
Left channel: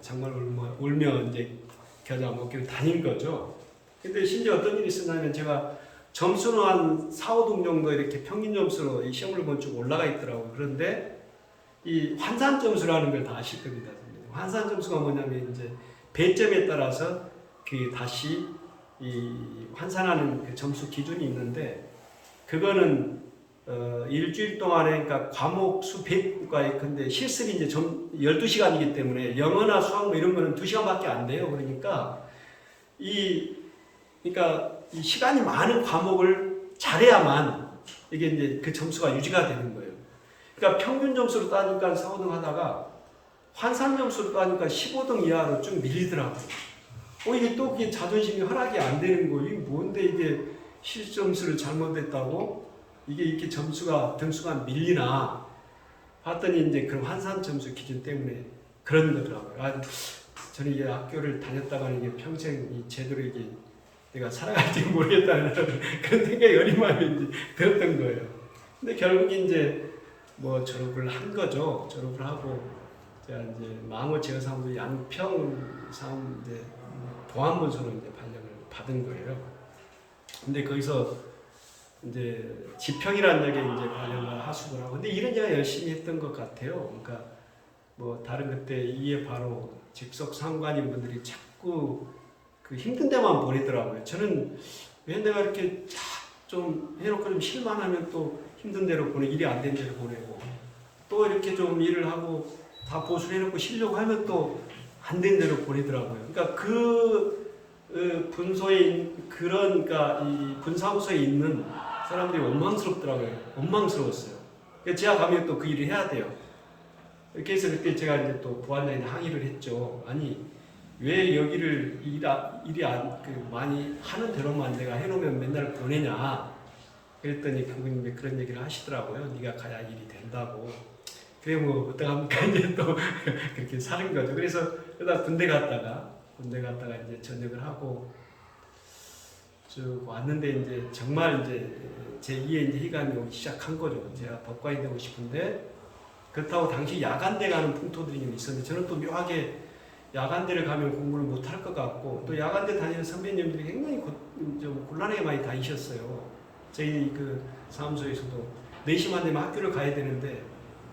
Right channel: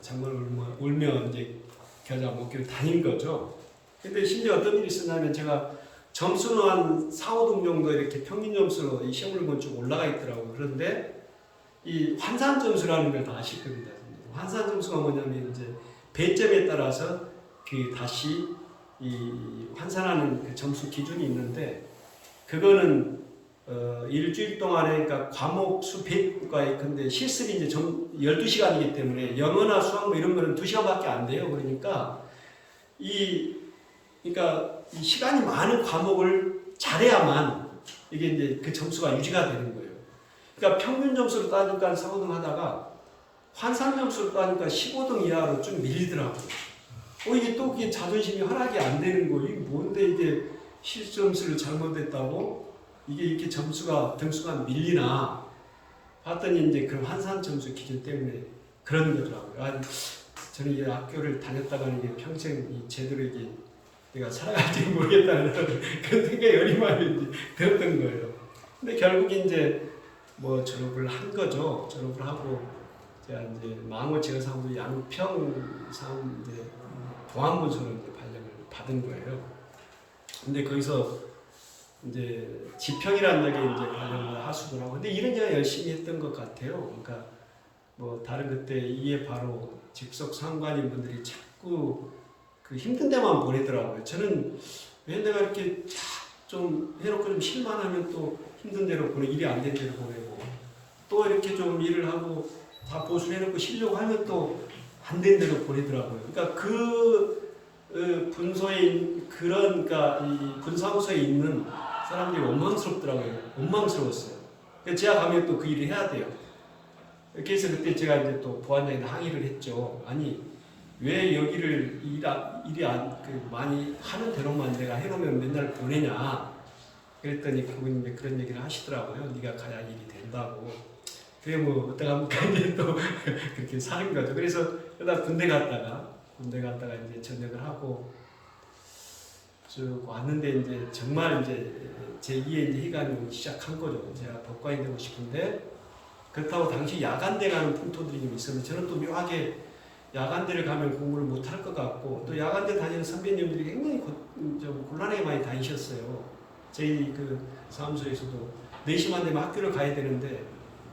정말 울며 이제 겨자 먹기로 다닌 거죠. 근데 심지어 어떤 일이 있었냐면 제가 점수는 한 4, 5등 정도 이렇게 평균 점수로 이 시험을 보면 쭉 올라가 있더라고요. 그런데 이 환산 점수라는 걸 다 아실 겁니다. 환산 점수가 뭐냐면 이제 배점에 따라서 다시 이 환산하는 그 점수 기준이 있는데 그거는 일주일 동안에 그러니까 과목 수 100과에 근데 실습이 이제 12시간이기 때문에 영어나 수학 이런 거는 2시간밖에 안 돼요. 그러니까 그러니까 이 시간이 많은 과목을 잘해야만 이게 이제 그 점수가 유지가 되는 거예요. 그러니까 평균 점수로 따니까 4, 5등 하다가 환산 점수로 따니까 15등 이하로 좀 밀리더라고요. 이게 또 그게 자존심이 허락이 안 되는 거. 이게 뭔데 이게 실점수를 잘못했다고 이게 이렇게 등수가 밀리나 봤더니 이제 그런 환산 점수 기준 때문에 그런 거더라고요. 저는 이게 학교를 다녔다가는 이게 평생 이 제대로 이게 내가 살아갈지 모르겠다는 그런 생각이 어리만이 들었던 거예요. 근데 결국 이제 졸업을 한 거죠. 졸업을 하고 제가 이제 망원 제어사무소 양평 사무 이제 보안문서로 이제 발령을 받은 거예요. 근데 거기서 이제 지평이라는 게 이제 발령을 하수를 하고 근데 일은 제가 열심히 했던 것 같아요. 그러니까 다른 그때 이에 바로 직속 상관인 분들이 자꾸 그 힘든 데만 보내더라고요. 저는 왜 내가 이렇게 좀 해놓고 좀 실만하면 또 힘든 데로 보내고 일이 안 된 데로 보내고 또 이렇게 좀 일을 하고 다 보수를 해놓고 쉬려고 하면 또 안 된 데로 보내더라고요. 그러니까 분소에 그러니까 이 분사무소에 있는 사람들이 원망스럽더라고요. 원망스러웠어요. 그래서 제가 가면 또 그 일을 해야 돼요. 그래서 그때 제가 이제 또 보안장에 항의를 했죠. 아니 왜 여기를 많이 하는 대로만 내가 해놓으면 맨날 보내냐. 그랬더니 그분이 그런 얘기를 하시더라고요. 네가 가야 일이 된다고. 그래 어떡합니까 이제 또 그렇게 사는 거죠. 그래서 그러다 군대 갔다가 이제 전역을 하고 쭉 왔는데 이제 정말 이제 제 2의 희감이 오기 시작한 거죠. 제가 법관이 되고 싶은데 그렇다고 당시 야간대 가는 풍토들이 좀 있었는데 저는 또 묘하게 야간대를 가면 공부를 못할 것 같고 또 야간대 다니는 선배님들이 굉장히 좀 곤란하게 많이 다니셨어요. 저희 그 사무소에서도 4시만 되면 학교를 가야 되는데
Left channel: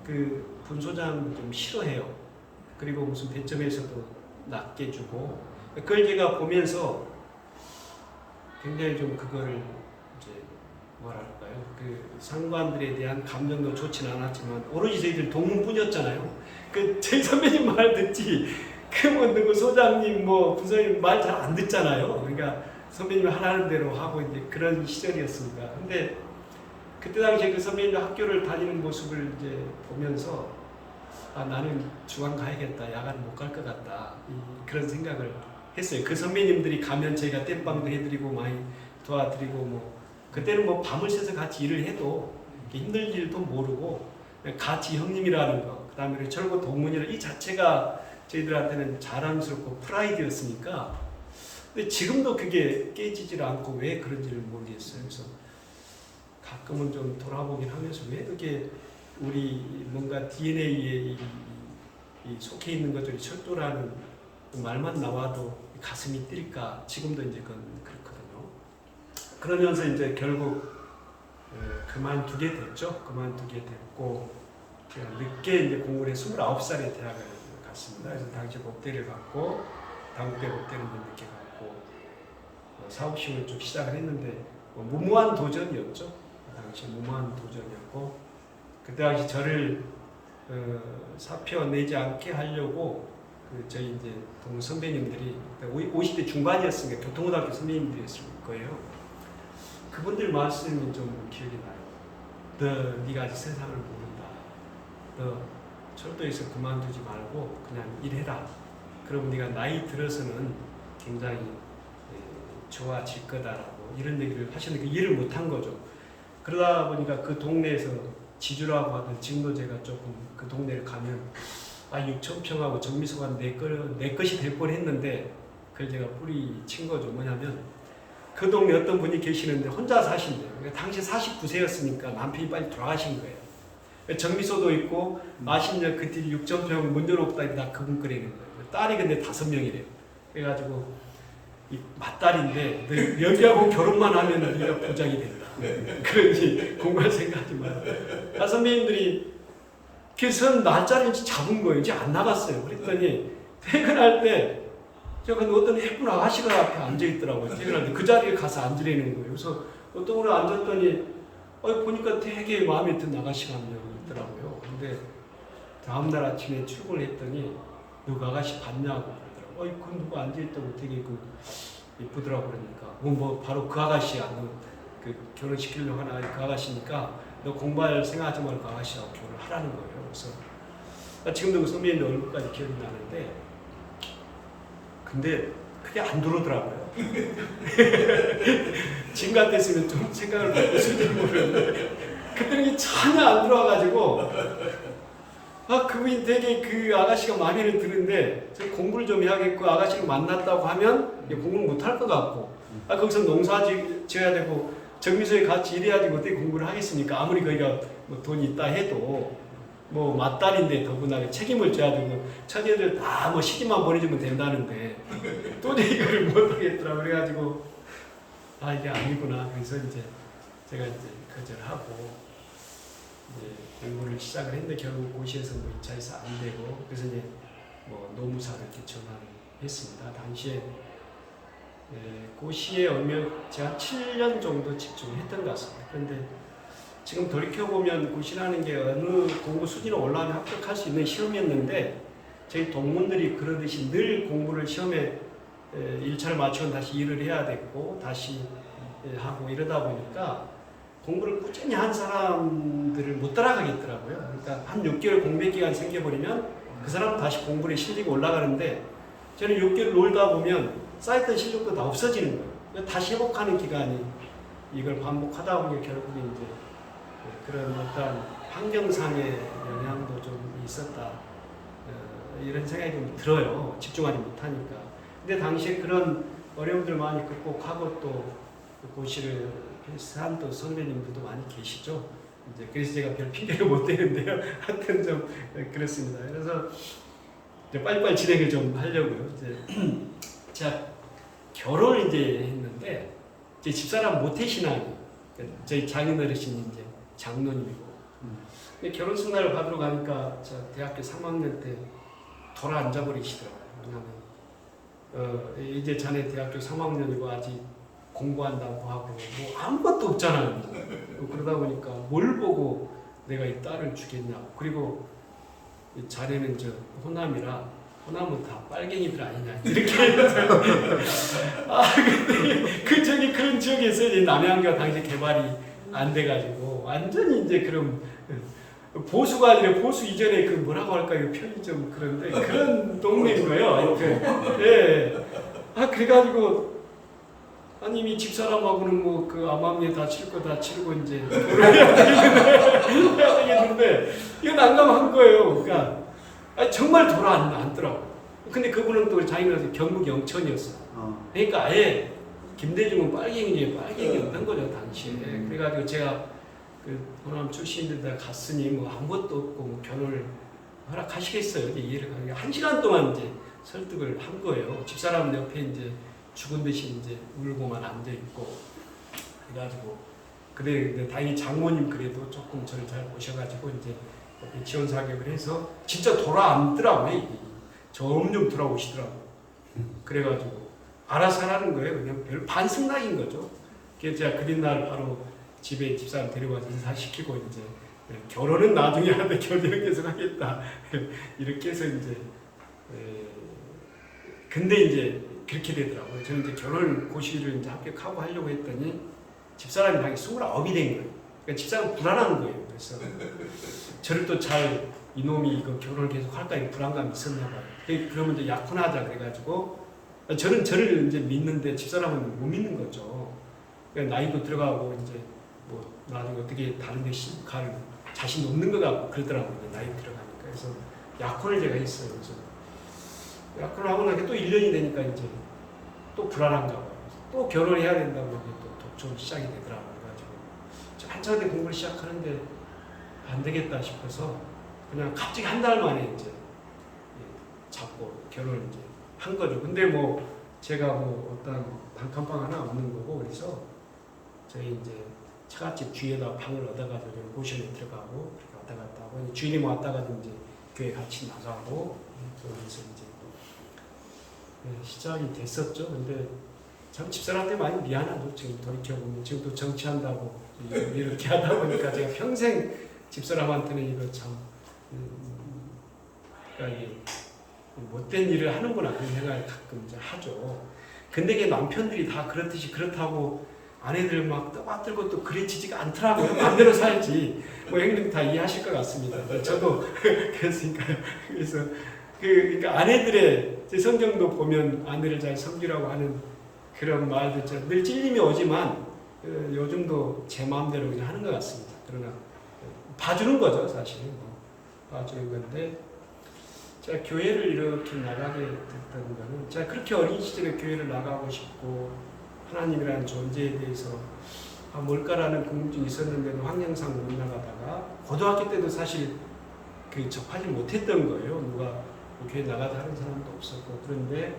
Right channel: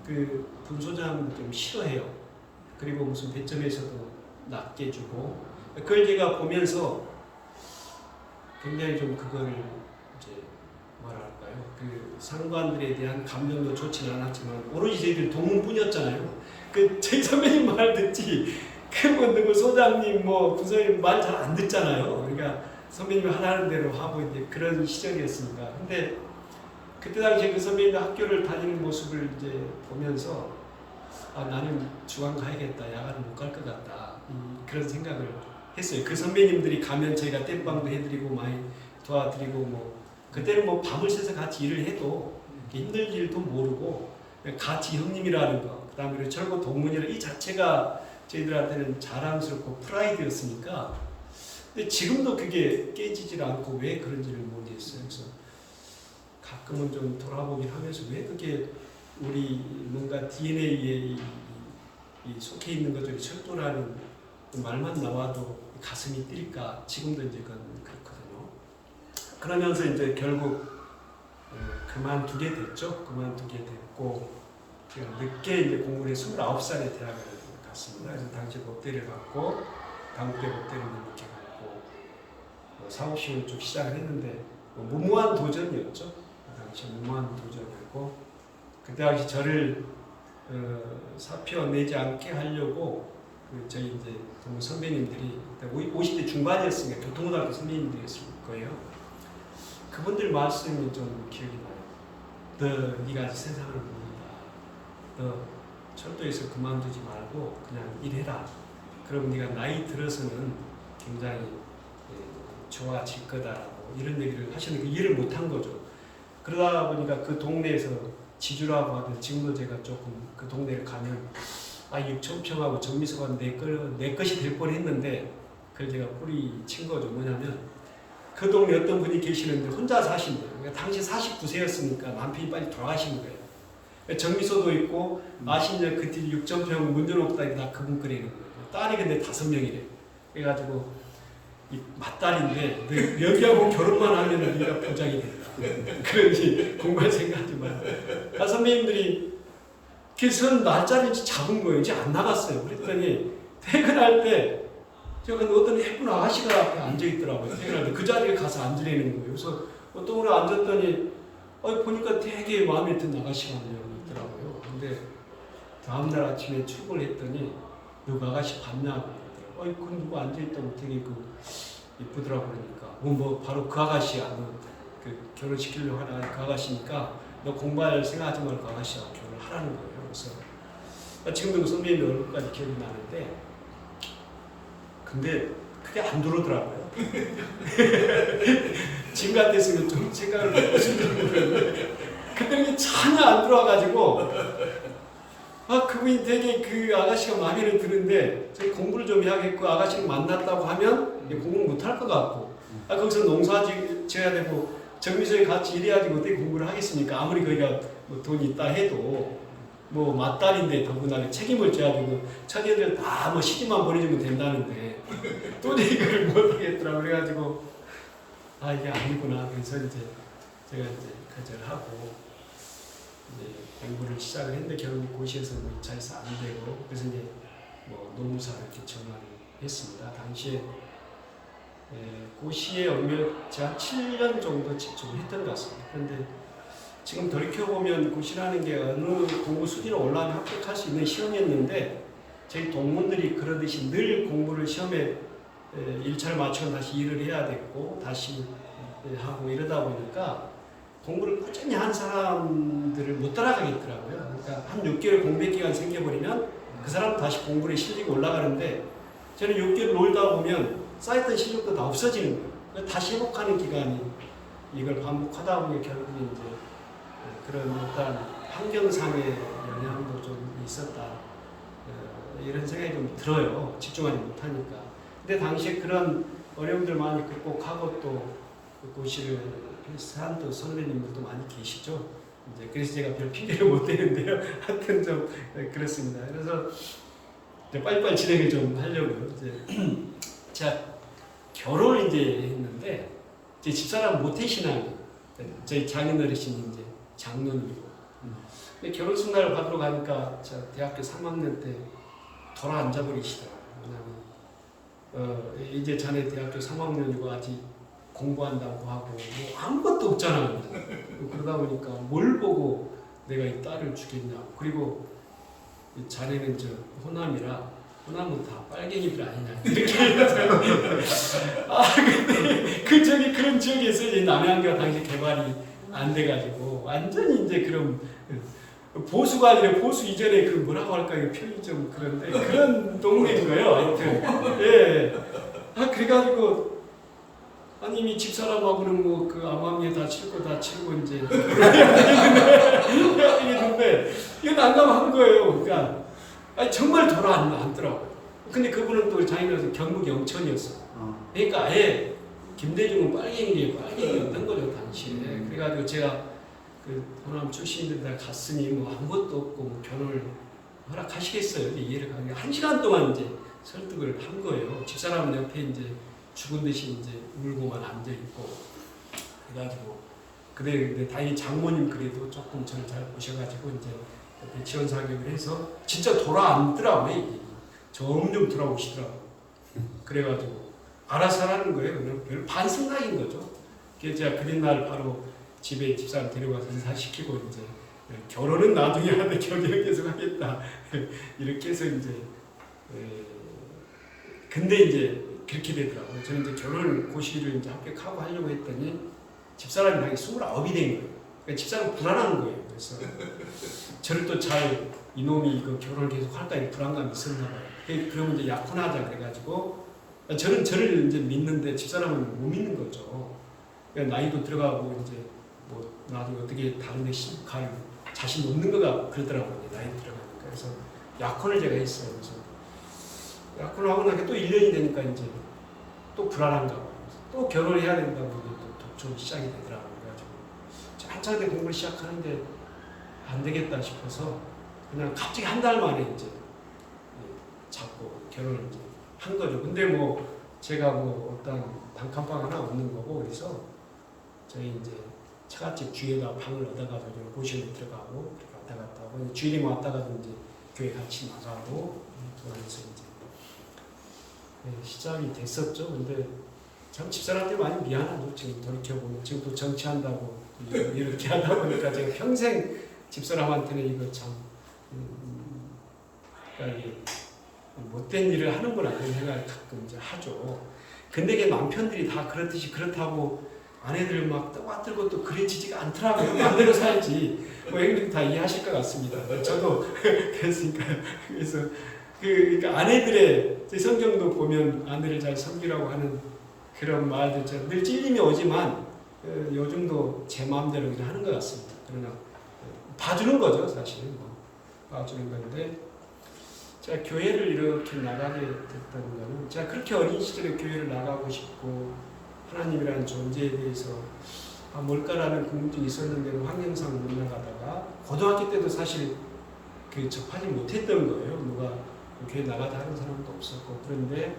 그 분소장도 좀 싫어해요. 그리고 무슨 배점에서도 낮게 주고 그걸 제가 보면서 굉장히 좀 그걸 이제 뭐랄까요 그 상관들에 대한 감정도 좋지는 않았지만 오로지 저희들 동문뿐이었잖아요. 그 저희 선배님 말 듣지 그 뭐 누구 소장님 뭐 부서님 말 잘 안 듣잖아요. 그러니까 선배님이 하라는 대로 하고 이제 그런 시절이었습니다. 근데 그때 당시에 그 선배님들 학교를 다니는 모습을 이제 보면서 아 나는 주간 가야겠다, 야간 못 갈 것 같다 그런 생각을 했어요. 그 선배님들이 가면 저희가 땜빵도 해드리고 많이 도와드리고 뭐 그때는 뭐 밤을 새서 같이 일을 해도 힘든 일도 모르고 같이 형님이라는 거, 그 다음에 철거 동문이라는 이 자체가 저희들한테는 자랑스럽고 프라이드였으니까. 근데 지금도 그게 깨지질 않고 왜 그런지를 모르겠어요. 그래서 가끔은 좀 돌아보긴 하면서 왜 그게 우리 뭔가 DNA에 속해 있는 것들이 철도라는 말만 나와도 가슴이 뛸까? 지금도 이제 그건 그렇거든요. 그러면서 이제 결국 그만두게 됐죠. 그만두게 됐고 제가 늦게 이제 공부를 해 29살에 대학을 갔습니다. 그래서 당시 법대를 갔고 당국대 법대를 늦게 갔고 사후시험을 쭉 시작을 했는데 무모한 도전이었죠. 그 당시 무모한 도전이었고 그때 당시 저를 사표 내지 않게 하려고 저희 이제 동 선배님들이 50대 중반이었으니까 교통고등학교 선배님들이었을 거예요. 그분들 말씀이 좀 기억이 나요. 네가 아직 세상을 모른다. 너 철도에서 그만두지 말고 그냥 일해라. 그럼 네가 나이 들어서는 굉장히 좋아질 거다라고 이런 얘기를 하셨는데 이해를 못한 거죠. 그러다 보니까 그 동네에서 지주라고 하던 지금도 제가 조금 그 동네를 가면 6,000평하고 정미소가 내 것이 될 뻔했는데 그걸 제가 뿌리 친 거죠. 뭐냐면 그 동네 어떤 분이 계시는데 혼자 사신대요. 그러니까 당시 49세였으니까 남편이 빨리 돌아가신 거예요. 정미소도 있고 마신역 그 뒤 6,000평 문 열어놓고 다 그분 거리는 거예요. 딸이 근데 5명이래요. 그래가지고 이 맏딸인데 너 여기하고 결혼만 하면 네가 부장이 된다. 그러니 공부할 생각하지 마라. 선배님들이 그선 날짜를 잡은 거예요. 이제 안 나갔어요. 그랬더니 퇴근할 때 제가 어떤 예쁜 아가씨가 앞에 앉아 있더라고요. 퇴근할 때 그 자리에 가서 앉으라는 거예요. 그래서 어떤 분이 앉았더니 보니까 되게 마음에 든 아가씨가 한 명 있더라고요. 근데 다음날 아침에 출근을 했더니 누구 아가씨 봤냐고 그러더라고요. 그 누구 앉아 있다고 되게 예쁘더라고 그러니까 뭐 바로 그 아가씨야. 그 결혼시키려고 하나 그 아가씨니까 너 공부할 생각하지 말고 그 아가씨하고 결혼을 하라는 거예요. 그래서 지금도 그 선배님 얼굴까지 기억이 나는데 근데 그게 안 들어오더라고요. 지금 같았으면 좀 생각을 바꿨을지 모르는데 그때는 전혀 안 들어와가지고 그분이 되게 그 아가씨가 마음에 드는데 저 공부를 좀 해야겠고 아가씨를 만났다고 하면 공부를 못할 것 같고 거기서 농사 지어야 되고 정미소에 같이 일해야지 어떻게 공부를 하겠습니까? 아무리 거기가 뭐 돈이 있다 해도 뭐 맏딸인데 더구나 책임을 져야 되고 처제들 다 뭐 시집만 보내주면 된다는데 도저히 이거를 못하겠더라고. 그래가지고 이게 아니구나. 그래서 이제 제가 이제 거절하고 이제 공부를 시작을 했는데 결국 고시에서 뭐 2차에서 안 되고 그래서 이제 뭐 노무사를 이렇게 전화를 했습니다. 당시에 고시에 제가 7년 정도 집중을 했던 것 같습니다. 그런데 지금 돌이켜보면 고시라는 게 어느 공부 순위로 올라가면 합격할 수 있는 시험이었는데 저희 동문들이 그러듯이 늘 공부를 시험에 1차를 마치고 다시 일을 해야 됐고 다시 하고 이러다 보니까 공부를 꾸준히 한 사람들을 못 따라가겠더라고요. 그러니까 한 6개월 공백 기간이 생겨버리면 그 사람은 다시 공부에 실력이 올라가는데 저는 6개월 놀다 보면 쌓였던 실력도 다 없어지는 거예요. 다시 회복하는 기간이 이걸 반복하다 보니 결국에 이제 그런 어떤 환경상의 영향도 좀 있었다. 이런 생각이 좀 들어요. 집중하지 못하니까. 근데 당시에 그런 어려움들 많이 극복하고 또 고시를 한 또 선배님들도 많이 계시죠. 이제 그래서 제가 별 핑계를 못 대는데요. 하여튼 좀 그렇습니다. 그래서 이제 빨리빨리 진행을 좀 하려고요. 이제 제가 결혼을 이제 했는데 제 집사람 모태신앙이 저희 장인어르신이 이제 장로님이고 근데 결혼식 날 받으러 가니까 제가 대학교 3학년 때 돌아 앉아버리시더라고요. 왜냐하면 이제 자네 대학교 3학년이고 아직 공부한다고 하고 뭐 아무것도 없잖아요. 그러다 보니까 뭘 보고 내가 이 딸을 주겠냐고. 그리고 자네는 저 호남이라 호남은 다 빨갱이들 아니냐 이렇게 해서 근데 그런 지역에서 이제 남해안교가 당시 개발이 안 돼가지고 완전히 이제 그런 보수가 아니라 보수 이전에 그 뭐라고 할까요? 표현이 좀 그런데 그런 동네인 거예요. 하여튼 예. 그래가지고 아니 이미 집사람하고는 뭐 그 암암리에 다 칠 거 다 치르고 이제 결혼해야 되겠는데 이건 난감한 거예요. 그러니까 정말 돌아 앉더라고요. 근데 그분은 또 자기는 경북 영천이었어요. 그러니까 아예 김대중은 빨갱이였던 거죠 당시에. 그래가지고 제가 그 호남 출신인데 갔으니 뭐 아무것도 없고 뭐 결혼을 허락하시겠어요? 이해를 가게 1시간 동안 이제 설득을 한 거예요. 집사람 옆에 이제 죽은 듯이 이제 울고만 앉아 있고 그래가지고 근데 다행히 장모님 그래도 조금 저를 잘 보셔가지고 이제 옆에 지원 사격을 해서 진짜 돌아앉더라고요. 점점 돌아오시더라고. 그래가지고 알아서 하라는 거예요. 그냥 별 반승낙인 거죠. 그래서 제가 그린 날 바로 집에 집사람 데려가서 인사시키고 이제 결혼은 나중에 하는데 결혼은 계속 하겠다. 이렇게 해서 이제 근데 이제 그렇게 되더라고요. 저는 이제 결혼 고시를 이제 합격하고 하려고 했더니 집사람이 당연히 29이 된 거예요. 그러니까 집사람 불안한 거예요. 그래서 저를 또 잘 이놈이 이거 결혼을 계속 할까 이 불안감이 있었나 봐요. 그러면 이제 약혼하자 그래가지고 저는 저를 이제 믿는데 집사람은 못 믿는 거죠. 그러니까 나이도 들어가고 이제 뭐 나중에 어떻게 다른 데 갈 자신 없는 것 같고 그러더라고요. 이제 나이 들어가니까. 그래서 약혼을 제가 했어요. 그래서 약혼을 하고 나니까 또 1년이 되니까 이제 또 불안한가 봐요. 또 결혼해야 된다고 이제 또 독촉이 시작이 되더라고요. 그래가지고 한참 때 공부를 시작하는데 안 되겠다 싶어서 그냥 갑자기 한 달 만에 이제 잡고 결혼을 이제 한 거죠. 근데 뭐 제가 뭐 어떤 단칸방 하나 없는 거고 그래서 저희 이제 처갓집 주위에다 방을 얻어가지고 고시원에 들어가고 그렇게 왔다 갔다 하고 주일에 왔다가 이제 교회 같이 나가고 그러면서 이제 시작이 됐었죠. 근데 참 집사람한테 많이 미안하죠. 지금 돌이켜보면 지금 또 정치한다고 이렇게 하다 보니까 제가 평생 집사람한테는 이거 참 그러니까 이게 못된 일을 하는구나 그런 생각을 가끔 이제 하죠. 근데 이게 남편들이 다 그렇듯이 그렇다고 아내들 막 떠받들고 또 그래지지가 않더라고요. 마음대로 살지. 뭐 형님 다 이해하실 것 같습니다. 저도 그랬으니까요. 그래서 그러니까 아내들의 성경도 보면 아내를 잘 섬기라고 하는 그런 말들 늘 찔림이 오지만 요즘도 제 마음대로 그냥 하는 것 같습니다. 그러나 봐주는 거죠, 사실. 뭐 봐주는 건데 제가 교회를 이렇게 나가게 됐던 거는 제가 그렇게 어린 시절에 교회를 나가고 싶고 하나님이라는 존재에 대해서 뭘까라는 궁금증이 있었는데도 환경상 못 나가다가 고등학교 때도 사실 그 접하지 못했던 거예요. 누가 교회 나가자 하는 사람도 없었고 그런데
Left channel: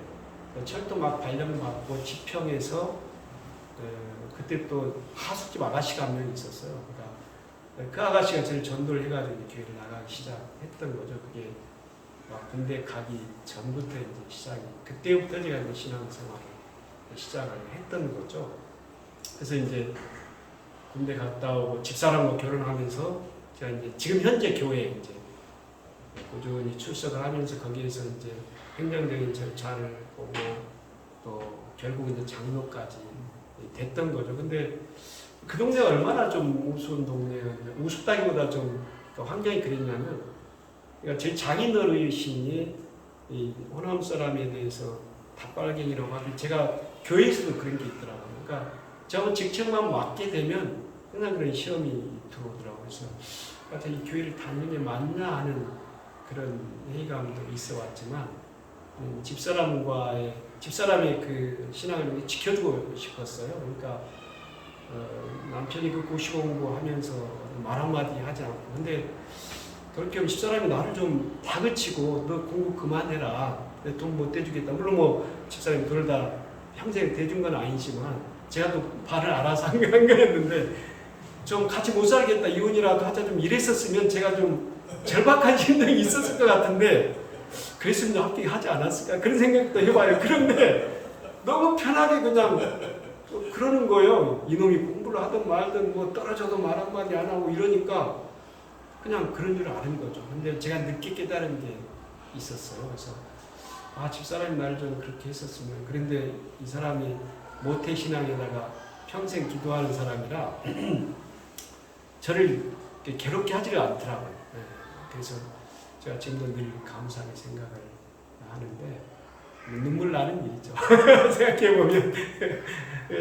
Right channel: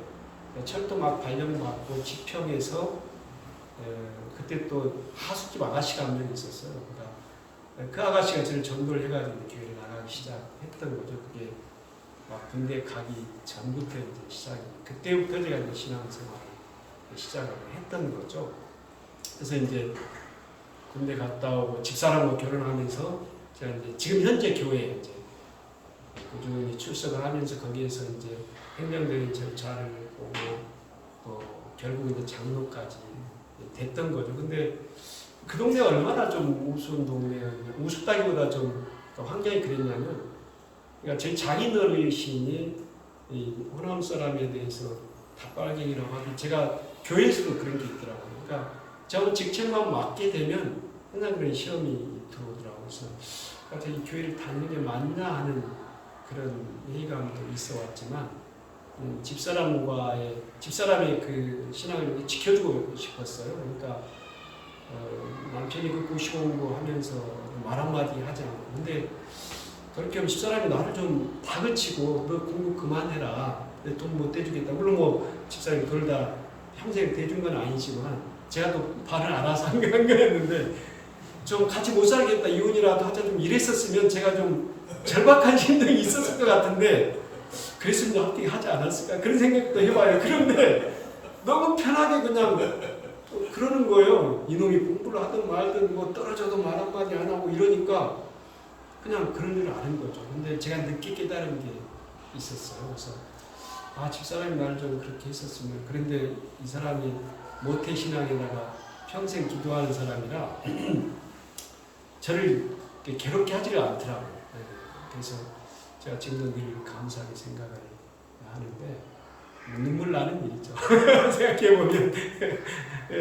철도 막 발령받고 지평에서 그때 또 하숙집 아가씨가 한 명 있었어요. 그러니까 그 아가씨가 저를 전도를 해가지고 교회를 나가기 시작했던 거죠. 그게 막 군대 가기 전부터 이제 시작이 그때부터 제가 이제 신앙생활을 시작을 했던 거죠. 그래서 이제 군대 갔다 오고 집사람과 결혼하면서 제가 이제 지금 현재 교회에 이제 꾸준히 출석을 하면서 거기에서 이제 행정적인 절차를 보고 또 결국 이제 장로까지 됐던 거죠. 근데 그 동네가 얼마나 좀 우스운 동네였냐, 우습다기보다 좀 환경이 그랬냐면, 그러니까 제 장인어르신이 이 호남 사람에 대해서 다빨갱이라고 하기, 제가 교회에서도 그런 게 있더라고요. 그러니까 저 직책만 맡게 되면 항상 그런 시험이 들어오더라고요. 그래서 이 교회를 다니는 게 맞나 하는 그런 회의감도 있어 왔지만 집사람의 그 신앙을 지켜주고 싶었어요. 그러니까 남편이 그 고시 공부하면서 말 한마디 하지 않고 근데 돌이켜보면 집사람이 나를 좀 다그치고 너 공부 그만해라. 내 돈 못 대주겠다. 물론 뭐 집사람이 돈을 다 평생 대준 건 아니지만 제가 또 발을 알아서 한 거였는데 좀 같이 못 살겠다. 이혼이라도 하자 좀 이랬었으면 제가 좀 절박한 심정이 있었을 것 같은데 그랬으면 합격하지 않았을까 그런 생각도 해봐요. 그런데 너무 편하게 그냥 그러는 거예요. 이놈이 공부를 하든 말든 뭐 떨어져도 말 한마디 안 하고 이러니까 그냥 그런 줄 아는 거죠. 근데 제가 늦게 깨달은 게 있었어요. 그래서 집사람이 나를 좀 그렇게 했었으면. 그런데 이 사람이 모태신앙에다가 평생 기도하는 사람이라 저를 괴롭게 하지를 않더라고요. 그래서 제가 지금도 늘 감사하게 생각을 하는데 눈물 나는 일이죠. 생각해보면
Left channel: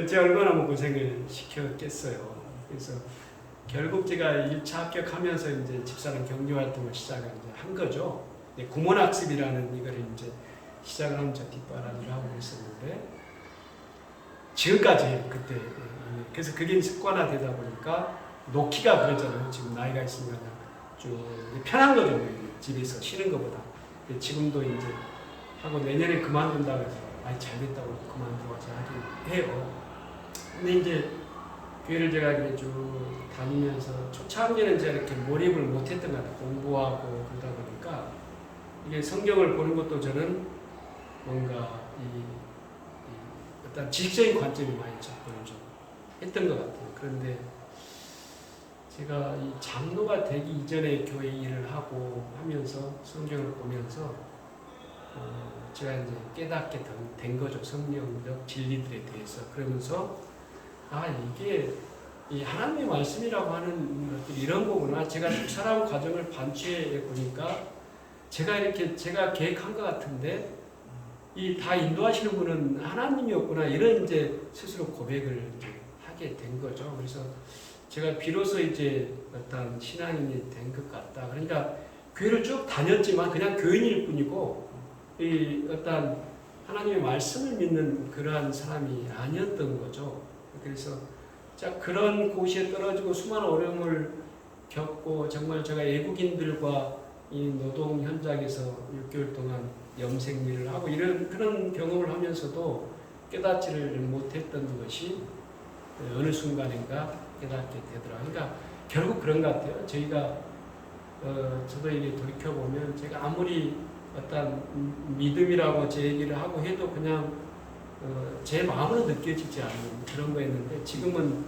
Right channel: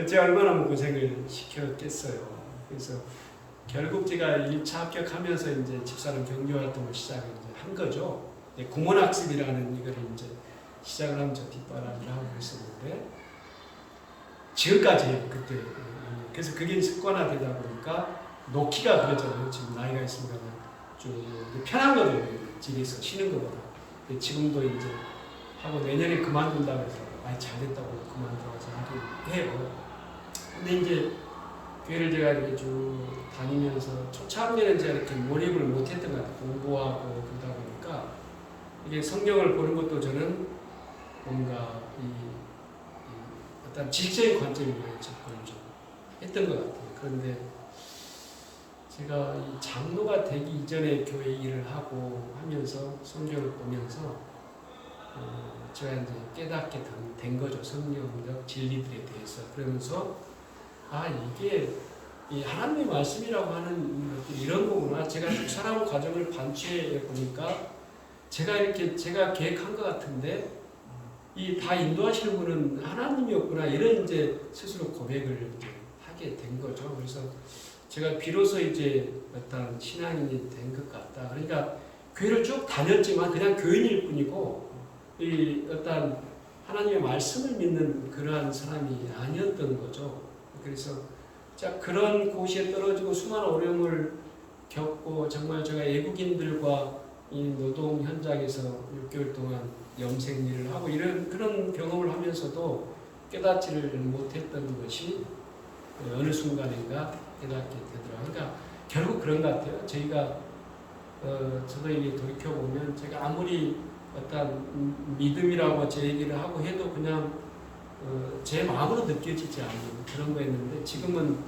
제가 얼마나 고생을 시켰겠어요. 그래서 결국 제가 1차 합격하면서 이제 집사람 격려활동을 시작을 이제 한 거죠. 구몬학습이라는 이거를 이제 시작을 하면서 뒷바람을 하고 있었는데 지금까지 그때 그래서 그게 습관화되다 보니까 놓기가 그러잖아요. 지금 나이가 있으니까 좀 편한 거죠. 집에서 쉬는 것보다. 지금도 이제 하고 내년에 그만둔다고 해서 잘 됐다고 그만두라고 하긴 해요. 근데 이제 교회를 제가 이렇게 쭉 다니면서 초창기에는 제가 이렇게 몰입을 못했던 것 같아요. 공부하고 그러다 보니까 이게 성경을 보는 것도 저는 뭔가 어떤 지식적인 관점이 많이 접근을 좀 했던 것 같아요. 그런데 제가 이 장로가 되기 이전에 교회 일을 하고 하면서 성경을 보면서 제가 이제 깨닫게 된 거죠. 성경적 진리들에 대해서. 그러면서 이게 이 하나님의 말씀이라고 하는 것들이 이런 거구나. 제가 살아온 과정을 반추해 보니까 제가 계획한 것 같은데 이 다 인도하시는 분은 하나님이었구나. 이런 이제 스스로 고백을 이제 하게 된 거죠. 그래서 제가 비로소 이제 어떤 신앙인이 된 것 같다. 그러니까 교회를 쭉 다녔지만 그냥 교인일 뿐이고 이 어떤 하나님의 말씀을 믿는 그러한 사람이 아니었던 거죠. 그래서 그런 곳에 떨어지고 수많은 어려움을 겪고 정말 제가 외국인들과 이 노동 현장에서 6개월 동안 염색 일을 하고 이런 그런 경험을 하면서도 깨닫지를 못했던 것이 어느 순간인가 깨닫게 되더라고요. 그러니까 결국 그런 것 같아요. 저희가 저도 이게 돌이켜 보면 제가 아무리 어떤 믿음이라고 제 얘기를 하고 해도 그냥 제 마음으로 느껴지지 않는 그런 거였는데 지금은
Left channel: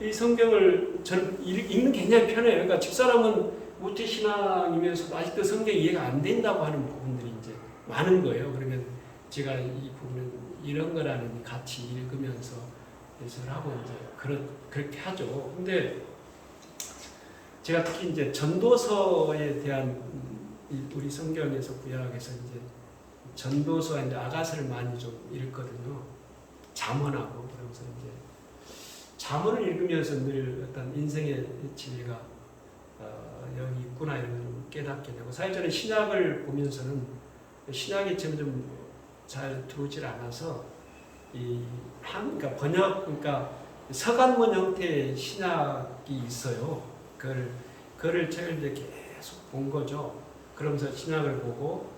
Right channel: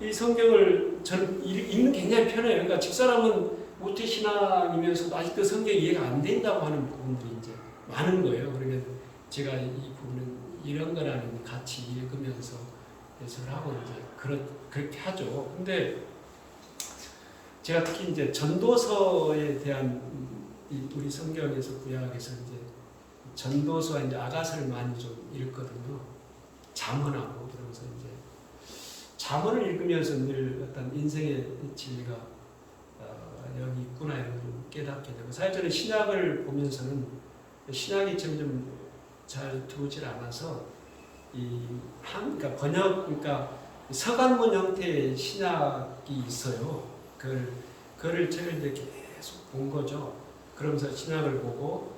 이 성경을 저는 읽는 게 굉장히 편해요. 그러니까 집사람은 모태신앙이면서도 아직도 성경이 이해가 안 된다고 하는 부분들이 이제 많은 거예요. 그러면 제가 이 부분은 이런 거라는 같이 읽으면서 해설하고 이제 그렇게 하죠. 근데 제가 특히 이제 전도서에 대한 우리 성경에서 구약에서 이제 전도서와 이제 아가서를 많이 좀 읽거든요. 잠언하고 그러면서 이제 잠언을 읽으면서 늘 어떤 인생의 진리가 여기 있구나 이런 걸 좀 깨닫게 되고 사실 저는 신약을 보면서는 신약이 점점 잘 들어오질 않아서 그러니까 그러니까 서간문 형태의 신약이 있어요. 그걸 제가 이제 계속 본 거죠. 그러면서 신약을 보고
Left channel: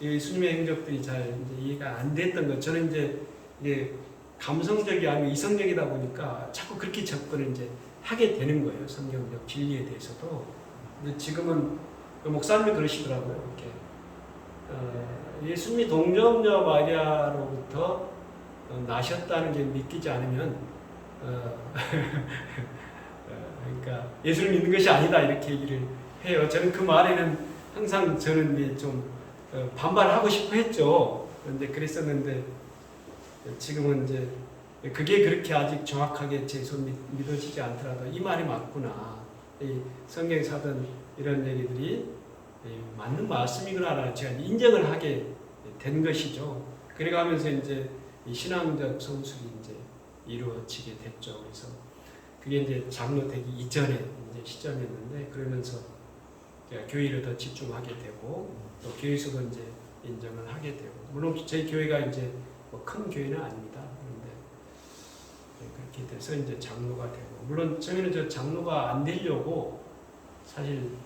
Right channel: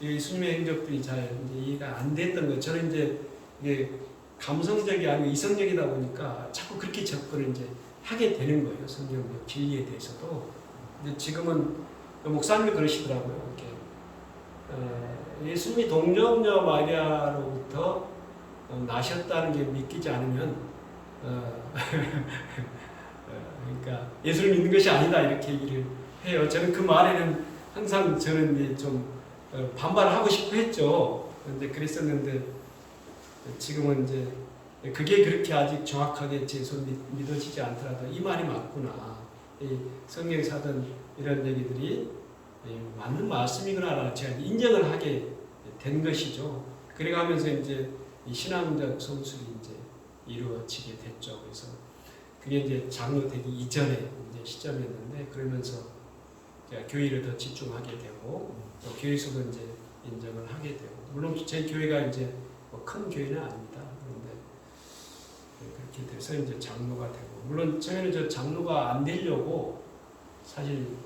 예수님의 행적들이 잘 이해가 안 됐던 거. 저는 이제 이게 감성적이 아니고 이성적이다 보니까 자꾸 그렇게 접근을 이제 하게 되는 거예요. 성경적 진리에 대해서도. 근데 지금은 목사님이 그러시더라고요. 이렇게 예수님이 동정녀 마리아로부터 나셨다는 게 믿기지 않으면 그러니까 예수를 믿는 것이 아니다 이렇게 얘기를 해요. 저는 그 말에는 항상 저는 좀 반발하고 싶어 했죠. 그런데 그랬었는데 지금은 이제 그게 그렇게 아직 정확하게 제 손 믿어지지 않더라도 이 말이 맞구나. 이 성경에서 하던 이런 얘기들이 맞는 말씀이구나 제가 인정을 하게 된 것이죠. 그래가면서 이제 이 신앙적 성숙이 이제 이루어지게 됐죠. 그래서 그게 이제 장로 되기 이전에 이제 시점이었는데 그러면서 제가 교회를 더 집중하게 되고 또 교회에서도 이제 인정을 하게 되고 물론 제 교회가 이제 뭐 큰 교회는 아닙니다. 그런데 그렇게 돼서 이제 장로가 되고 물론 처음에는 저 장로가 안 되려고 사실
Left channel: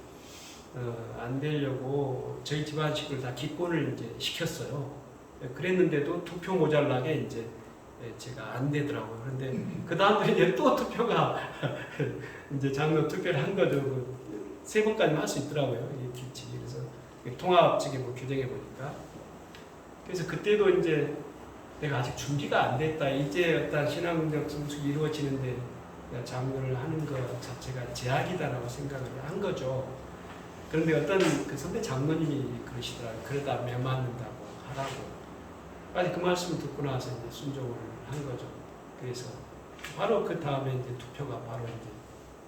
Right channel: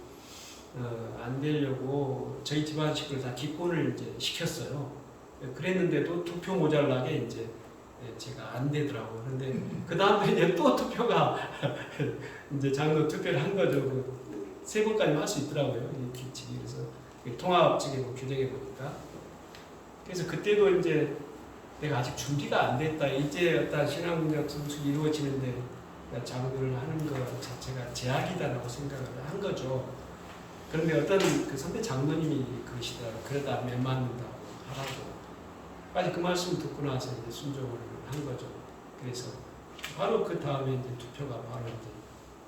안 되려고 저희 집안 식구를 다 기권을 이제 시켰어요. 그랬는데도 투표 모자라게 이제 제가 안 되더라고요. 그런데 그 다음에 이제 또 투표가 이제 장로 투표를 한 거죠. 그 3번까지 할 수 있더라고요. 이 규칙이. 그래서 통합적이고 규정해 보니까. 그래서 그때도 이제 내가 아직 준비가 안 됐다. 이제 어떤 신앙적 성숙이 이루어지는데 장로를 하는 것 자체가 제약이다라고 생각을 한 거죠. 그런데 어떤 그 선배 장로님이 그러시더라고요. 그러다 매 맞는다고 하라고. 아직 그 말씀 듣고 나서 이제 순종을 한 거죠. 그래서 바로 그 다음에 이제 투표가 바로 이제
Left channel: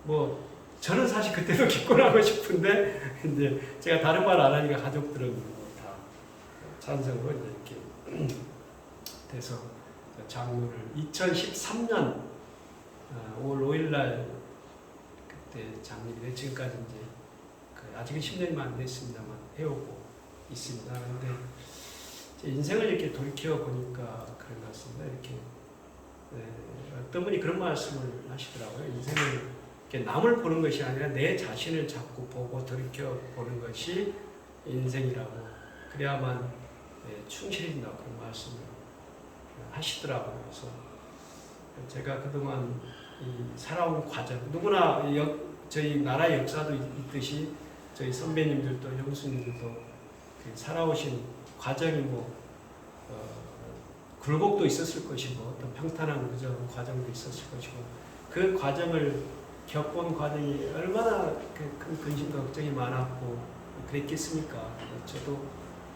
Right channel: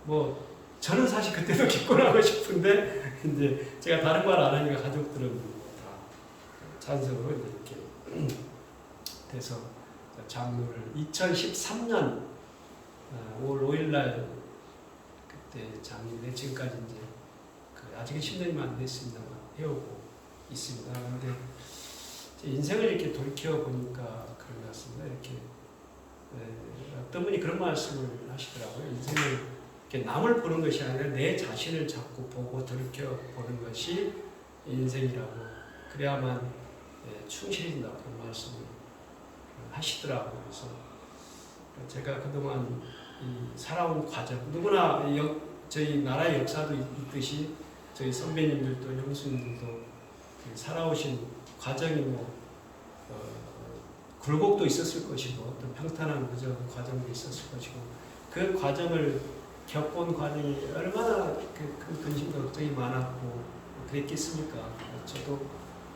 뭐 저는 사실 그때도 기권하고 싶은데 이제 제가 다른 말 안 하니까 가족들은 뭐 다 찬성으로 이제 이렇게 돼서 장로를 2013년 5월 5일 날 그때 장립이 돼 지금까지 이제 아직은 10년이 안 됐습니다만 해오고 있습니다. 그런데 제 인생을 이렇게 돌이켜 보니까 그런 것 같습니다. 이렇게 어떤 분이 그런 말씀을 하시더라고요. 인생을 이렇게 남을 보는 것이 아니라 내 자신을 자꾸 보고 돌이켜 보는 것이 인생이라고 그래야만 충실해진다고 그런 말씀을 하시더라고요. 그래서 제가 그동안 이 살아온 과정, 누구나 저희 나라의 역사도 있듯이 저희 선배님들도 형수님들도 그 살아오신 과정이 뭐 굴곡도 있었을 것이고 어떤 평탄한 과정도 있었을 것이고 그 과정을 겪어온 과정이 얼마나 큰 근심과 걱정이 많았고 그랬겠습니까? 저도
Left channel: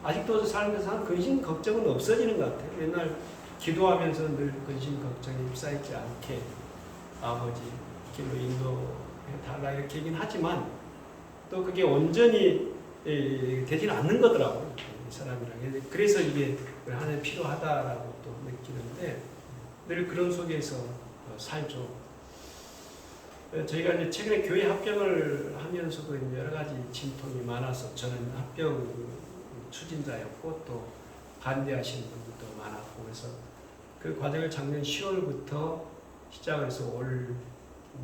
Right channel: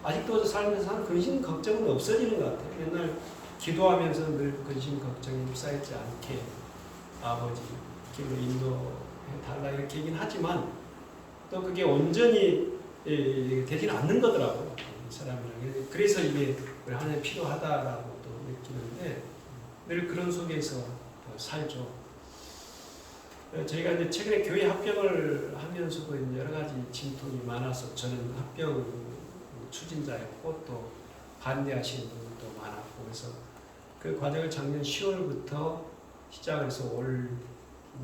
아직도 살면서 근심 걱정은 없어지는 것 같아요. 맨날 기도하면서 늘 근심 걱정에 휩싸이지 않게 아버지 길로 인도해 달라 이렇게 얘기는 하지만 또 그게 온전히 되지는 않는 거더라고요. 이 사람이랑. 그래서 이게 하나님 필요하다라고 또 느끼는데 늘 그런 속에서 살죠. 저희가 이제 최근에 교회 합병을 하면서도 이제 여러 가지 진통이 많아서 저는 합병 추진자였고 또 반대하시는 분들도 많았고 그래서 그 과정을 작년 10월부터 시작을 해서 올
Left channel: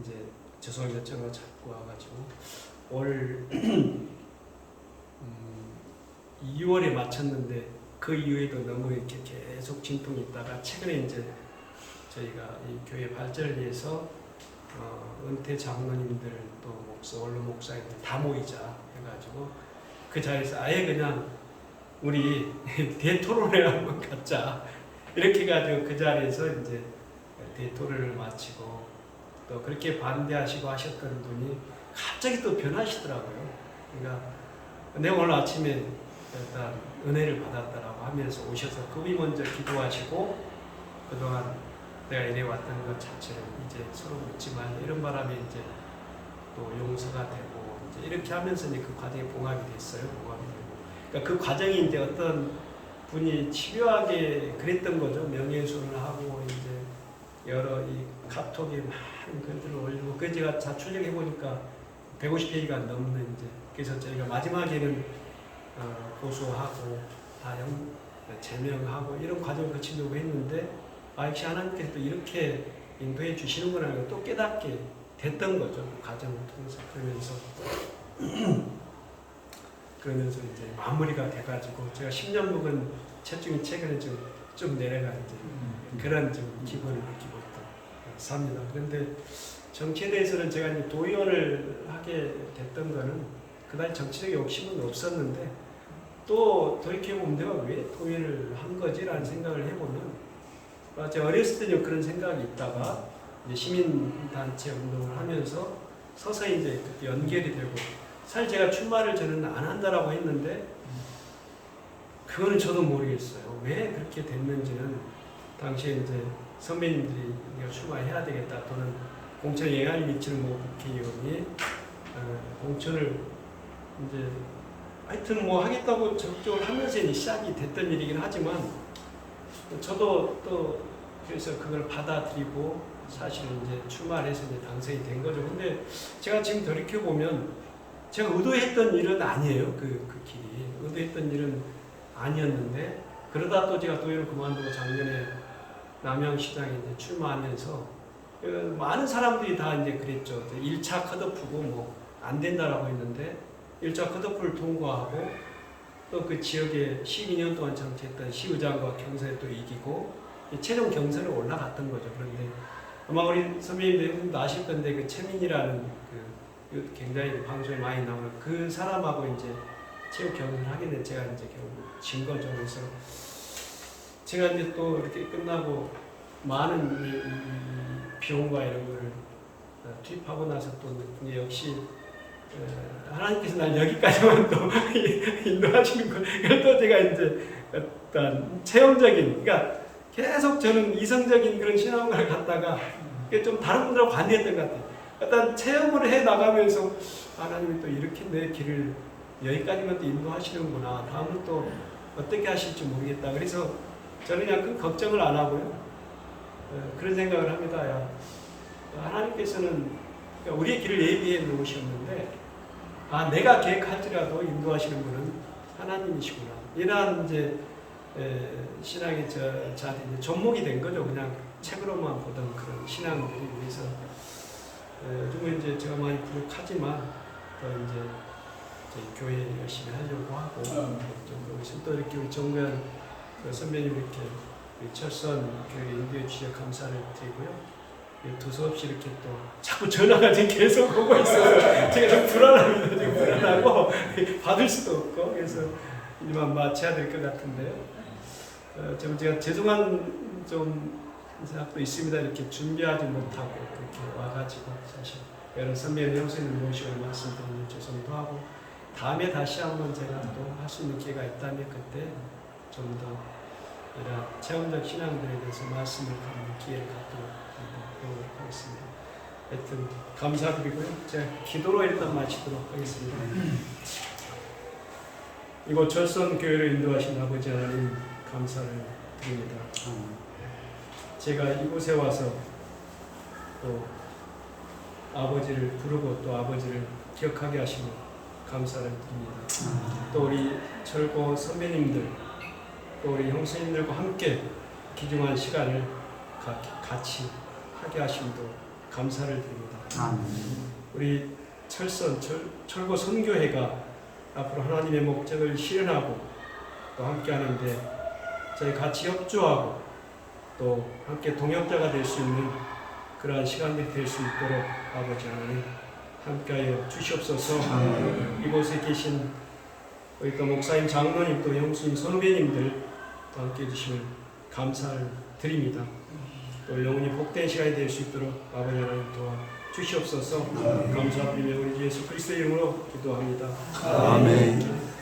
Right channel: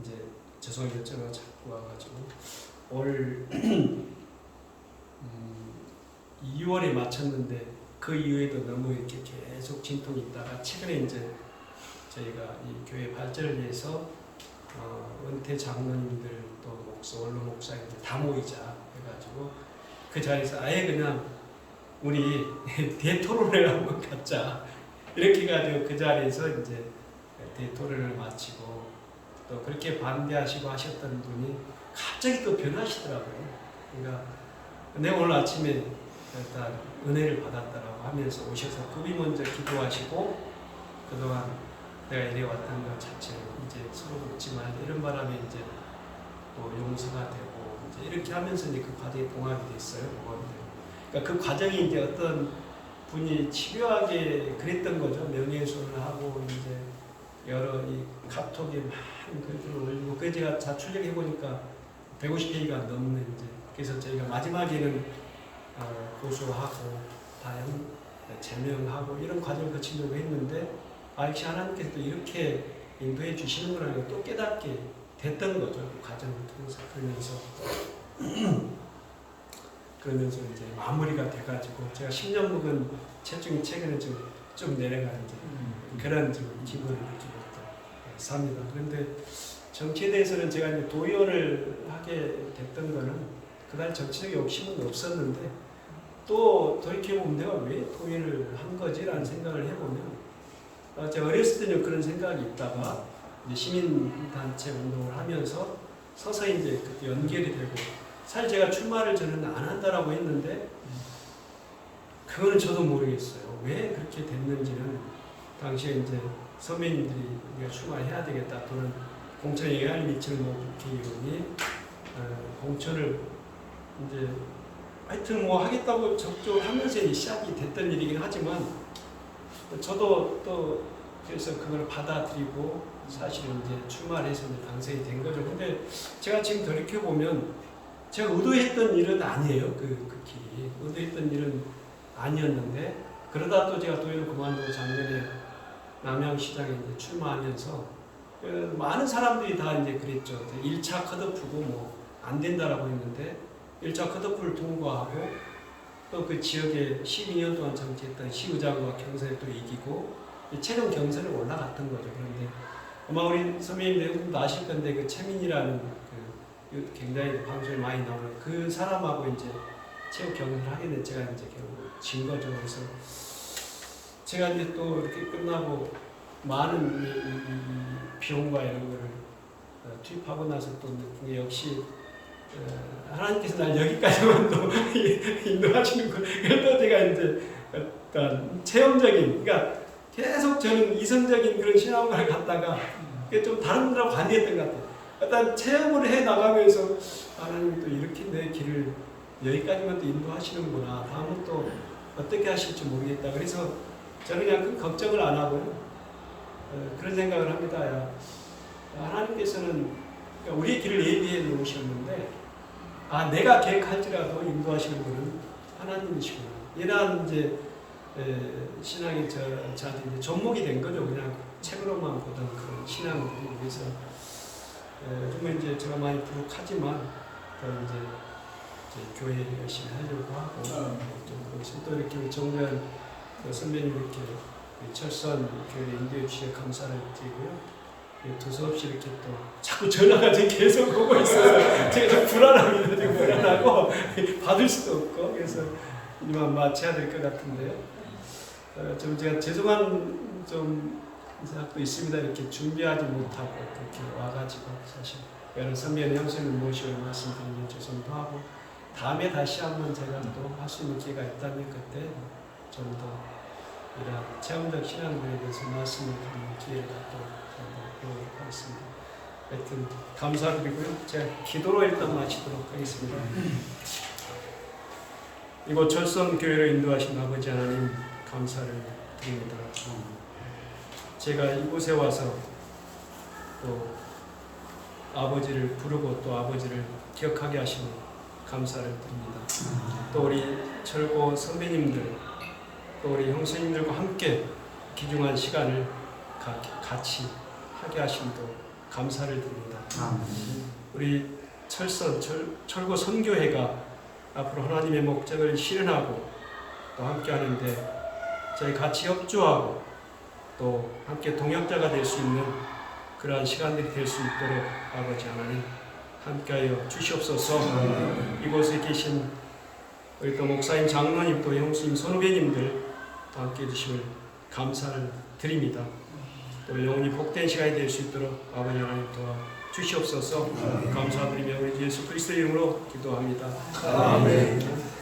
이제 죄송합니다. 제가 자꾸 와가지고 올 2월에 마쳤는데 그 이후에도 너무 이렇게 계속 진통이 있다가 최근에 이제 저희가 이 교회 발전을 위해서 은퇴 장로님들 또 원로 목사님들 다 모이자 해가지고 그 자리에서 아예 그냥 우리 대토론을 한번 갖자 이렇게 해가지고 그 자리에서 이제 대토론을 마치고 또 그렇게 반대하시고 하셨던 분이 갑자기 또 변하시더라고요. 그러니까 내가 오늘 아침에 일단 은혜를 받았다라고 하면서 오셔서 그분이 먼저 기도하시고 그동안 내가 이래왔던 것 자체를 이제 서로 묻지만 이런 바람에 이제 또 용서가 되고 이제 이렇게 하면서 이제 그 과정에 봉합이 됐어요. 봉합이 되고. 그러니까 그 과정이 이제 어떤 분이 집요하게 그랬던 거죠. 명예훼손을 하고 이제 여러 이 카톡에 많은 글들을 올리고 그 제가 자출력해 보니까 150페이지가 넘는 이제 그래서 저희가 마지막에는 고소하고 다 제명하고 이런 과정을 거치려고 했는데 역시 하나님께서 또 이렇게 인도해 주시는구나 또 깨닫게 됐던 거죠. 그 과정을 통해서 그러면서 이제 마무리가 돼가지고 제가 10년 묵은 체중이 최근에 좀 내려가 이제 그런 지금 기분을 느끼고 또 삽니다. 그런데 정치에 대해서는 제가 이제 도의원을 하게 됐던 거는 그다지 정치적 욕심은 없었는데 또 돌이켜보면 내가 왜 도의원을 한 거지라는 생각을 해보면 제가 어렸을 때는 그런 생각이 있다가 이제 시민단체 운동을 하면서 서서히 이제 그때 연결이 되고 사실 제가 출마를 저는 안 한다라고 했는데 그거는 저도 모르겠어요. 왜 그렇게 됐는지는 당시에 이제 선배님들이 우리가 출마해야 되겠다 또는 공천에 영향을 미치는 뭐 국회의원이 공천을 이제 하여튼 뭐 하겠다고 적극적으로 하면서 이제 시작이 됐던 일이긴 하지만 저도 또 그래서 그걸 받아들이고 사실은 이제 출마를 해서 이제 당선이 된 거죠. 근데 제가 지금 돌이켜 보면 제가 의도했던 일은 아니에요. 그 길이 의도했던 일은 아니었는데 그러다 또 제가 도의원을 그만두고 작년에 남양시장에 이제 출마하면서 많은 사람들이 다 이제 그랬죠. 1차 컷오프고 뭐 안 된다라고 했는데 1차 컷오프를 통과하고 또 그 지역에 12년 동안 정치했던 시의장과 경선에 또 이기고 최종 경선에 올라갔던 거죠. 그런데 아마 우리 선배님도 아실 건데 그 최민이라는 그 굉장히 방송에 많이 나오는 그 사람하고 이제 체육 경기를 하게 된 제가 이제 결국 진 거죠. 그래서 제가 이제 또 이렇게 끝나고 많은 이 비용과 이런 거를 투입하고 나서 또 느낀 게 역시 하나님께서 날 여기까지만 또 인도하시는 거. 그걸 또 제가 이제 어떤 체험적인, 그러니까 계속 저는 이성적인 그런 신앙을 갖다가 좀 다른 분들하고 반대했던 것 같아요. 어떤 체험을 해 나가면서 하나님이 또 이렇게 내 길을 여기까지만 또 인도하시는구나. 다음은 또 어떻게 하실지 모르겠다. 그래서 저는 그냥 큰 걱정을 안 하고요. 그런 생각을 합니다. 야, 하나님께서는 우리의 길을 예비해 놓으셨는데, 내가 계획할지라도 인도하시는 분은 하나님이시구나. 이런 이제 신앙이 저한테 이제 접목이 된 거죠. 그냥 책으로만 보던 그런 신앙들이. 그래서 요즘은 이제 제가 많이 부족하지만 더 이제 교회 열심히 하려고 하고 또 이렇게 우리 정면 선배님 이렇게 철선 교회 인도해 주셔서 감사를 드리고요. 두서없이 이렇게 또 자꾸 전화가 계속 오고 있어서 제가 좀 불안합니다. 지금 불안하고 받을 수도 없고 그래서 이만 마쳐야 될 것 같은데요. 좀 제가 죄송한 좀 생각도 있습니다. 이렇게 준비하지 못하고 이렇게 와가지고 사실 여러 선배님 형수님을 모시고 말씀드리면 죄송도 하고 다음에 다시 한번 제가 또 할 수 있는 기회가 있다면 그때 좀 더 이런 체험적 신앙들에 대해서 말씀을 하는 기회를 갖도록 해보도록 하겠습니다. 하여튼 감사드리고요. 제가 기도로 일단 마치도록 하겠습니다. 이곳 철선교회를 인도하신 아버지 하나님 감사를 드립니다. 제가 이곳에 와서 또 아버지를 부르고 또 아버지를 기억하게 하시는 감사를 드립니다. 또 우리 철고 선배님들 또 우리 형수님들과 함께 귀중한 시간을 같이 하게 하심도 감사를 드립니다. 우리 철고 선교회가 앞으로 하나님의 목적을 실현하고 또 함께 하는데 저희 같이 협조하고 또 함께 동역자가 될 수 있는 그러한 시간들이 될 수 있도록 아버지 하나님 함께하여 주시옵소서. 이곳에 계신 우리 또 목사님, 장로님, 또 형수님, 선후배님들 함께해 주심을 감사를 드립니다. 또 영원히 복된 시간이 될 수 있도록 아버지 하나님 도와 주시옵소서. 감사드리며 우리 주 예수 그리스도의 이름으로 기도합니다. 아멘.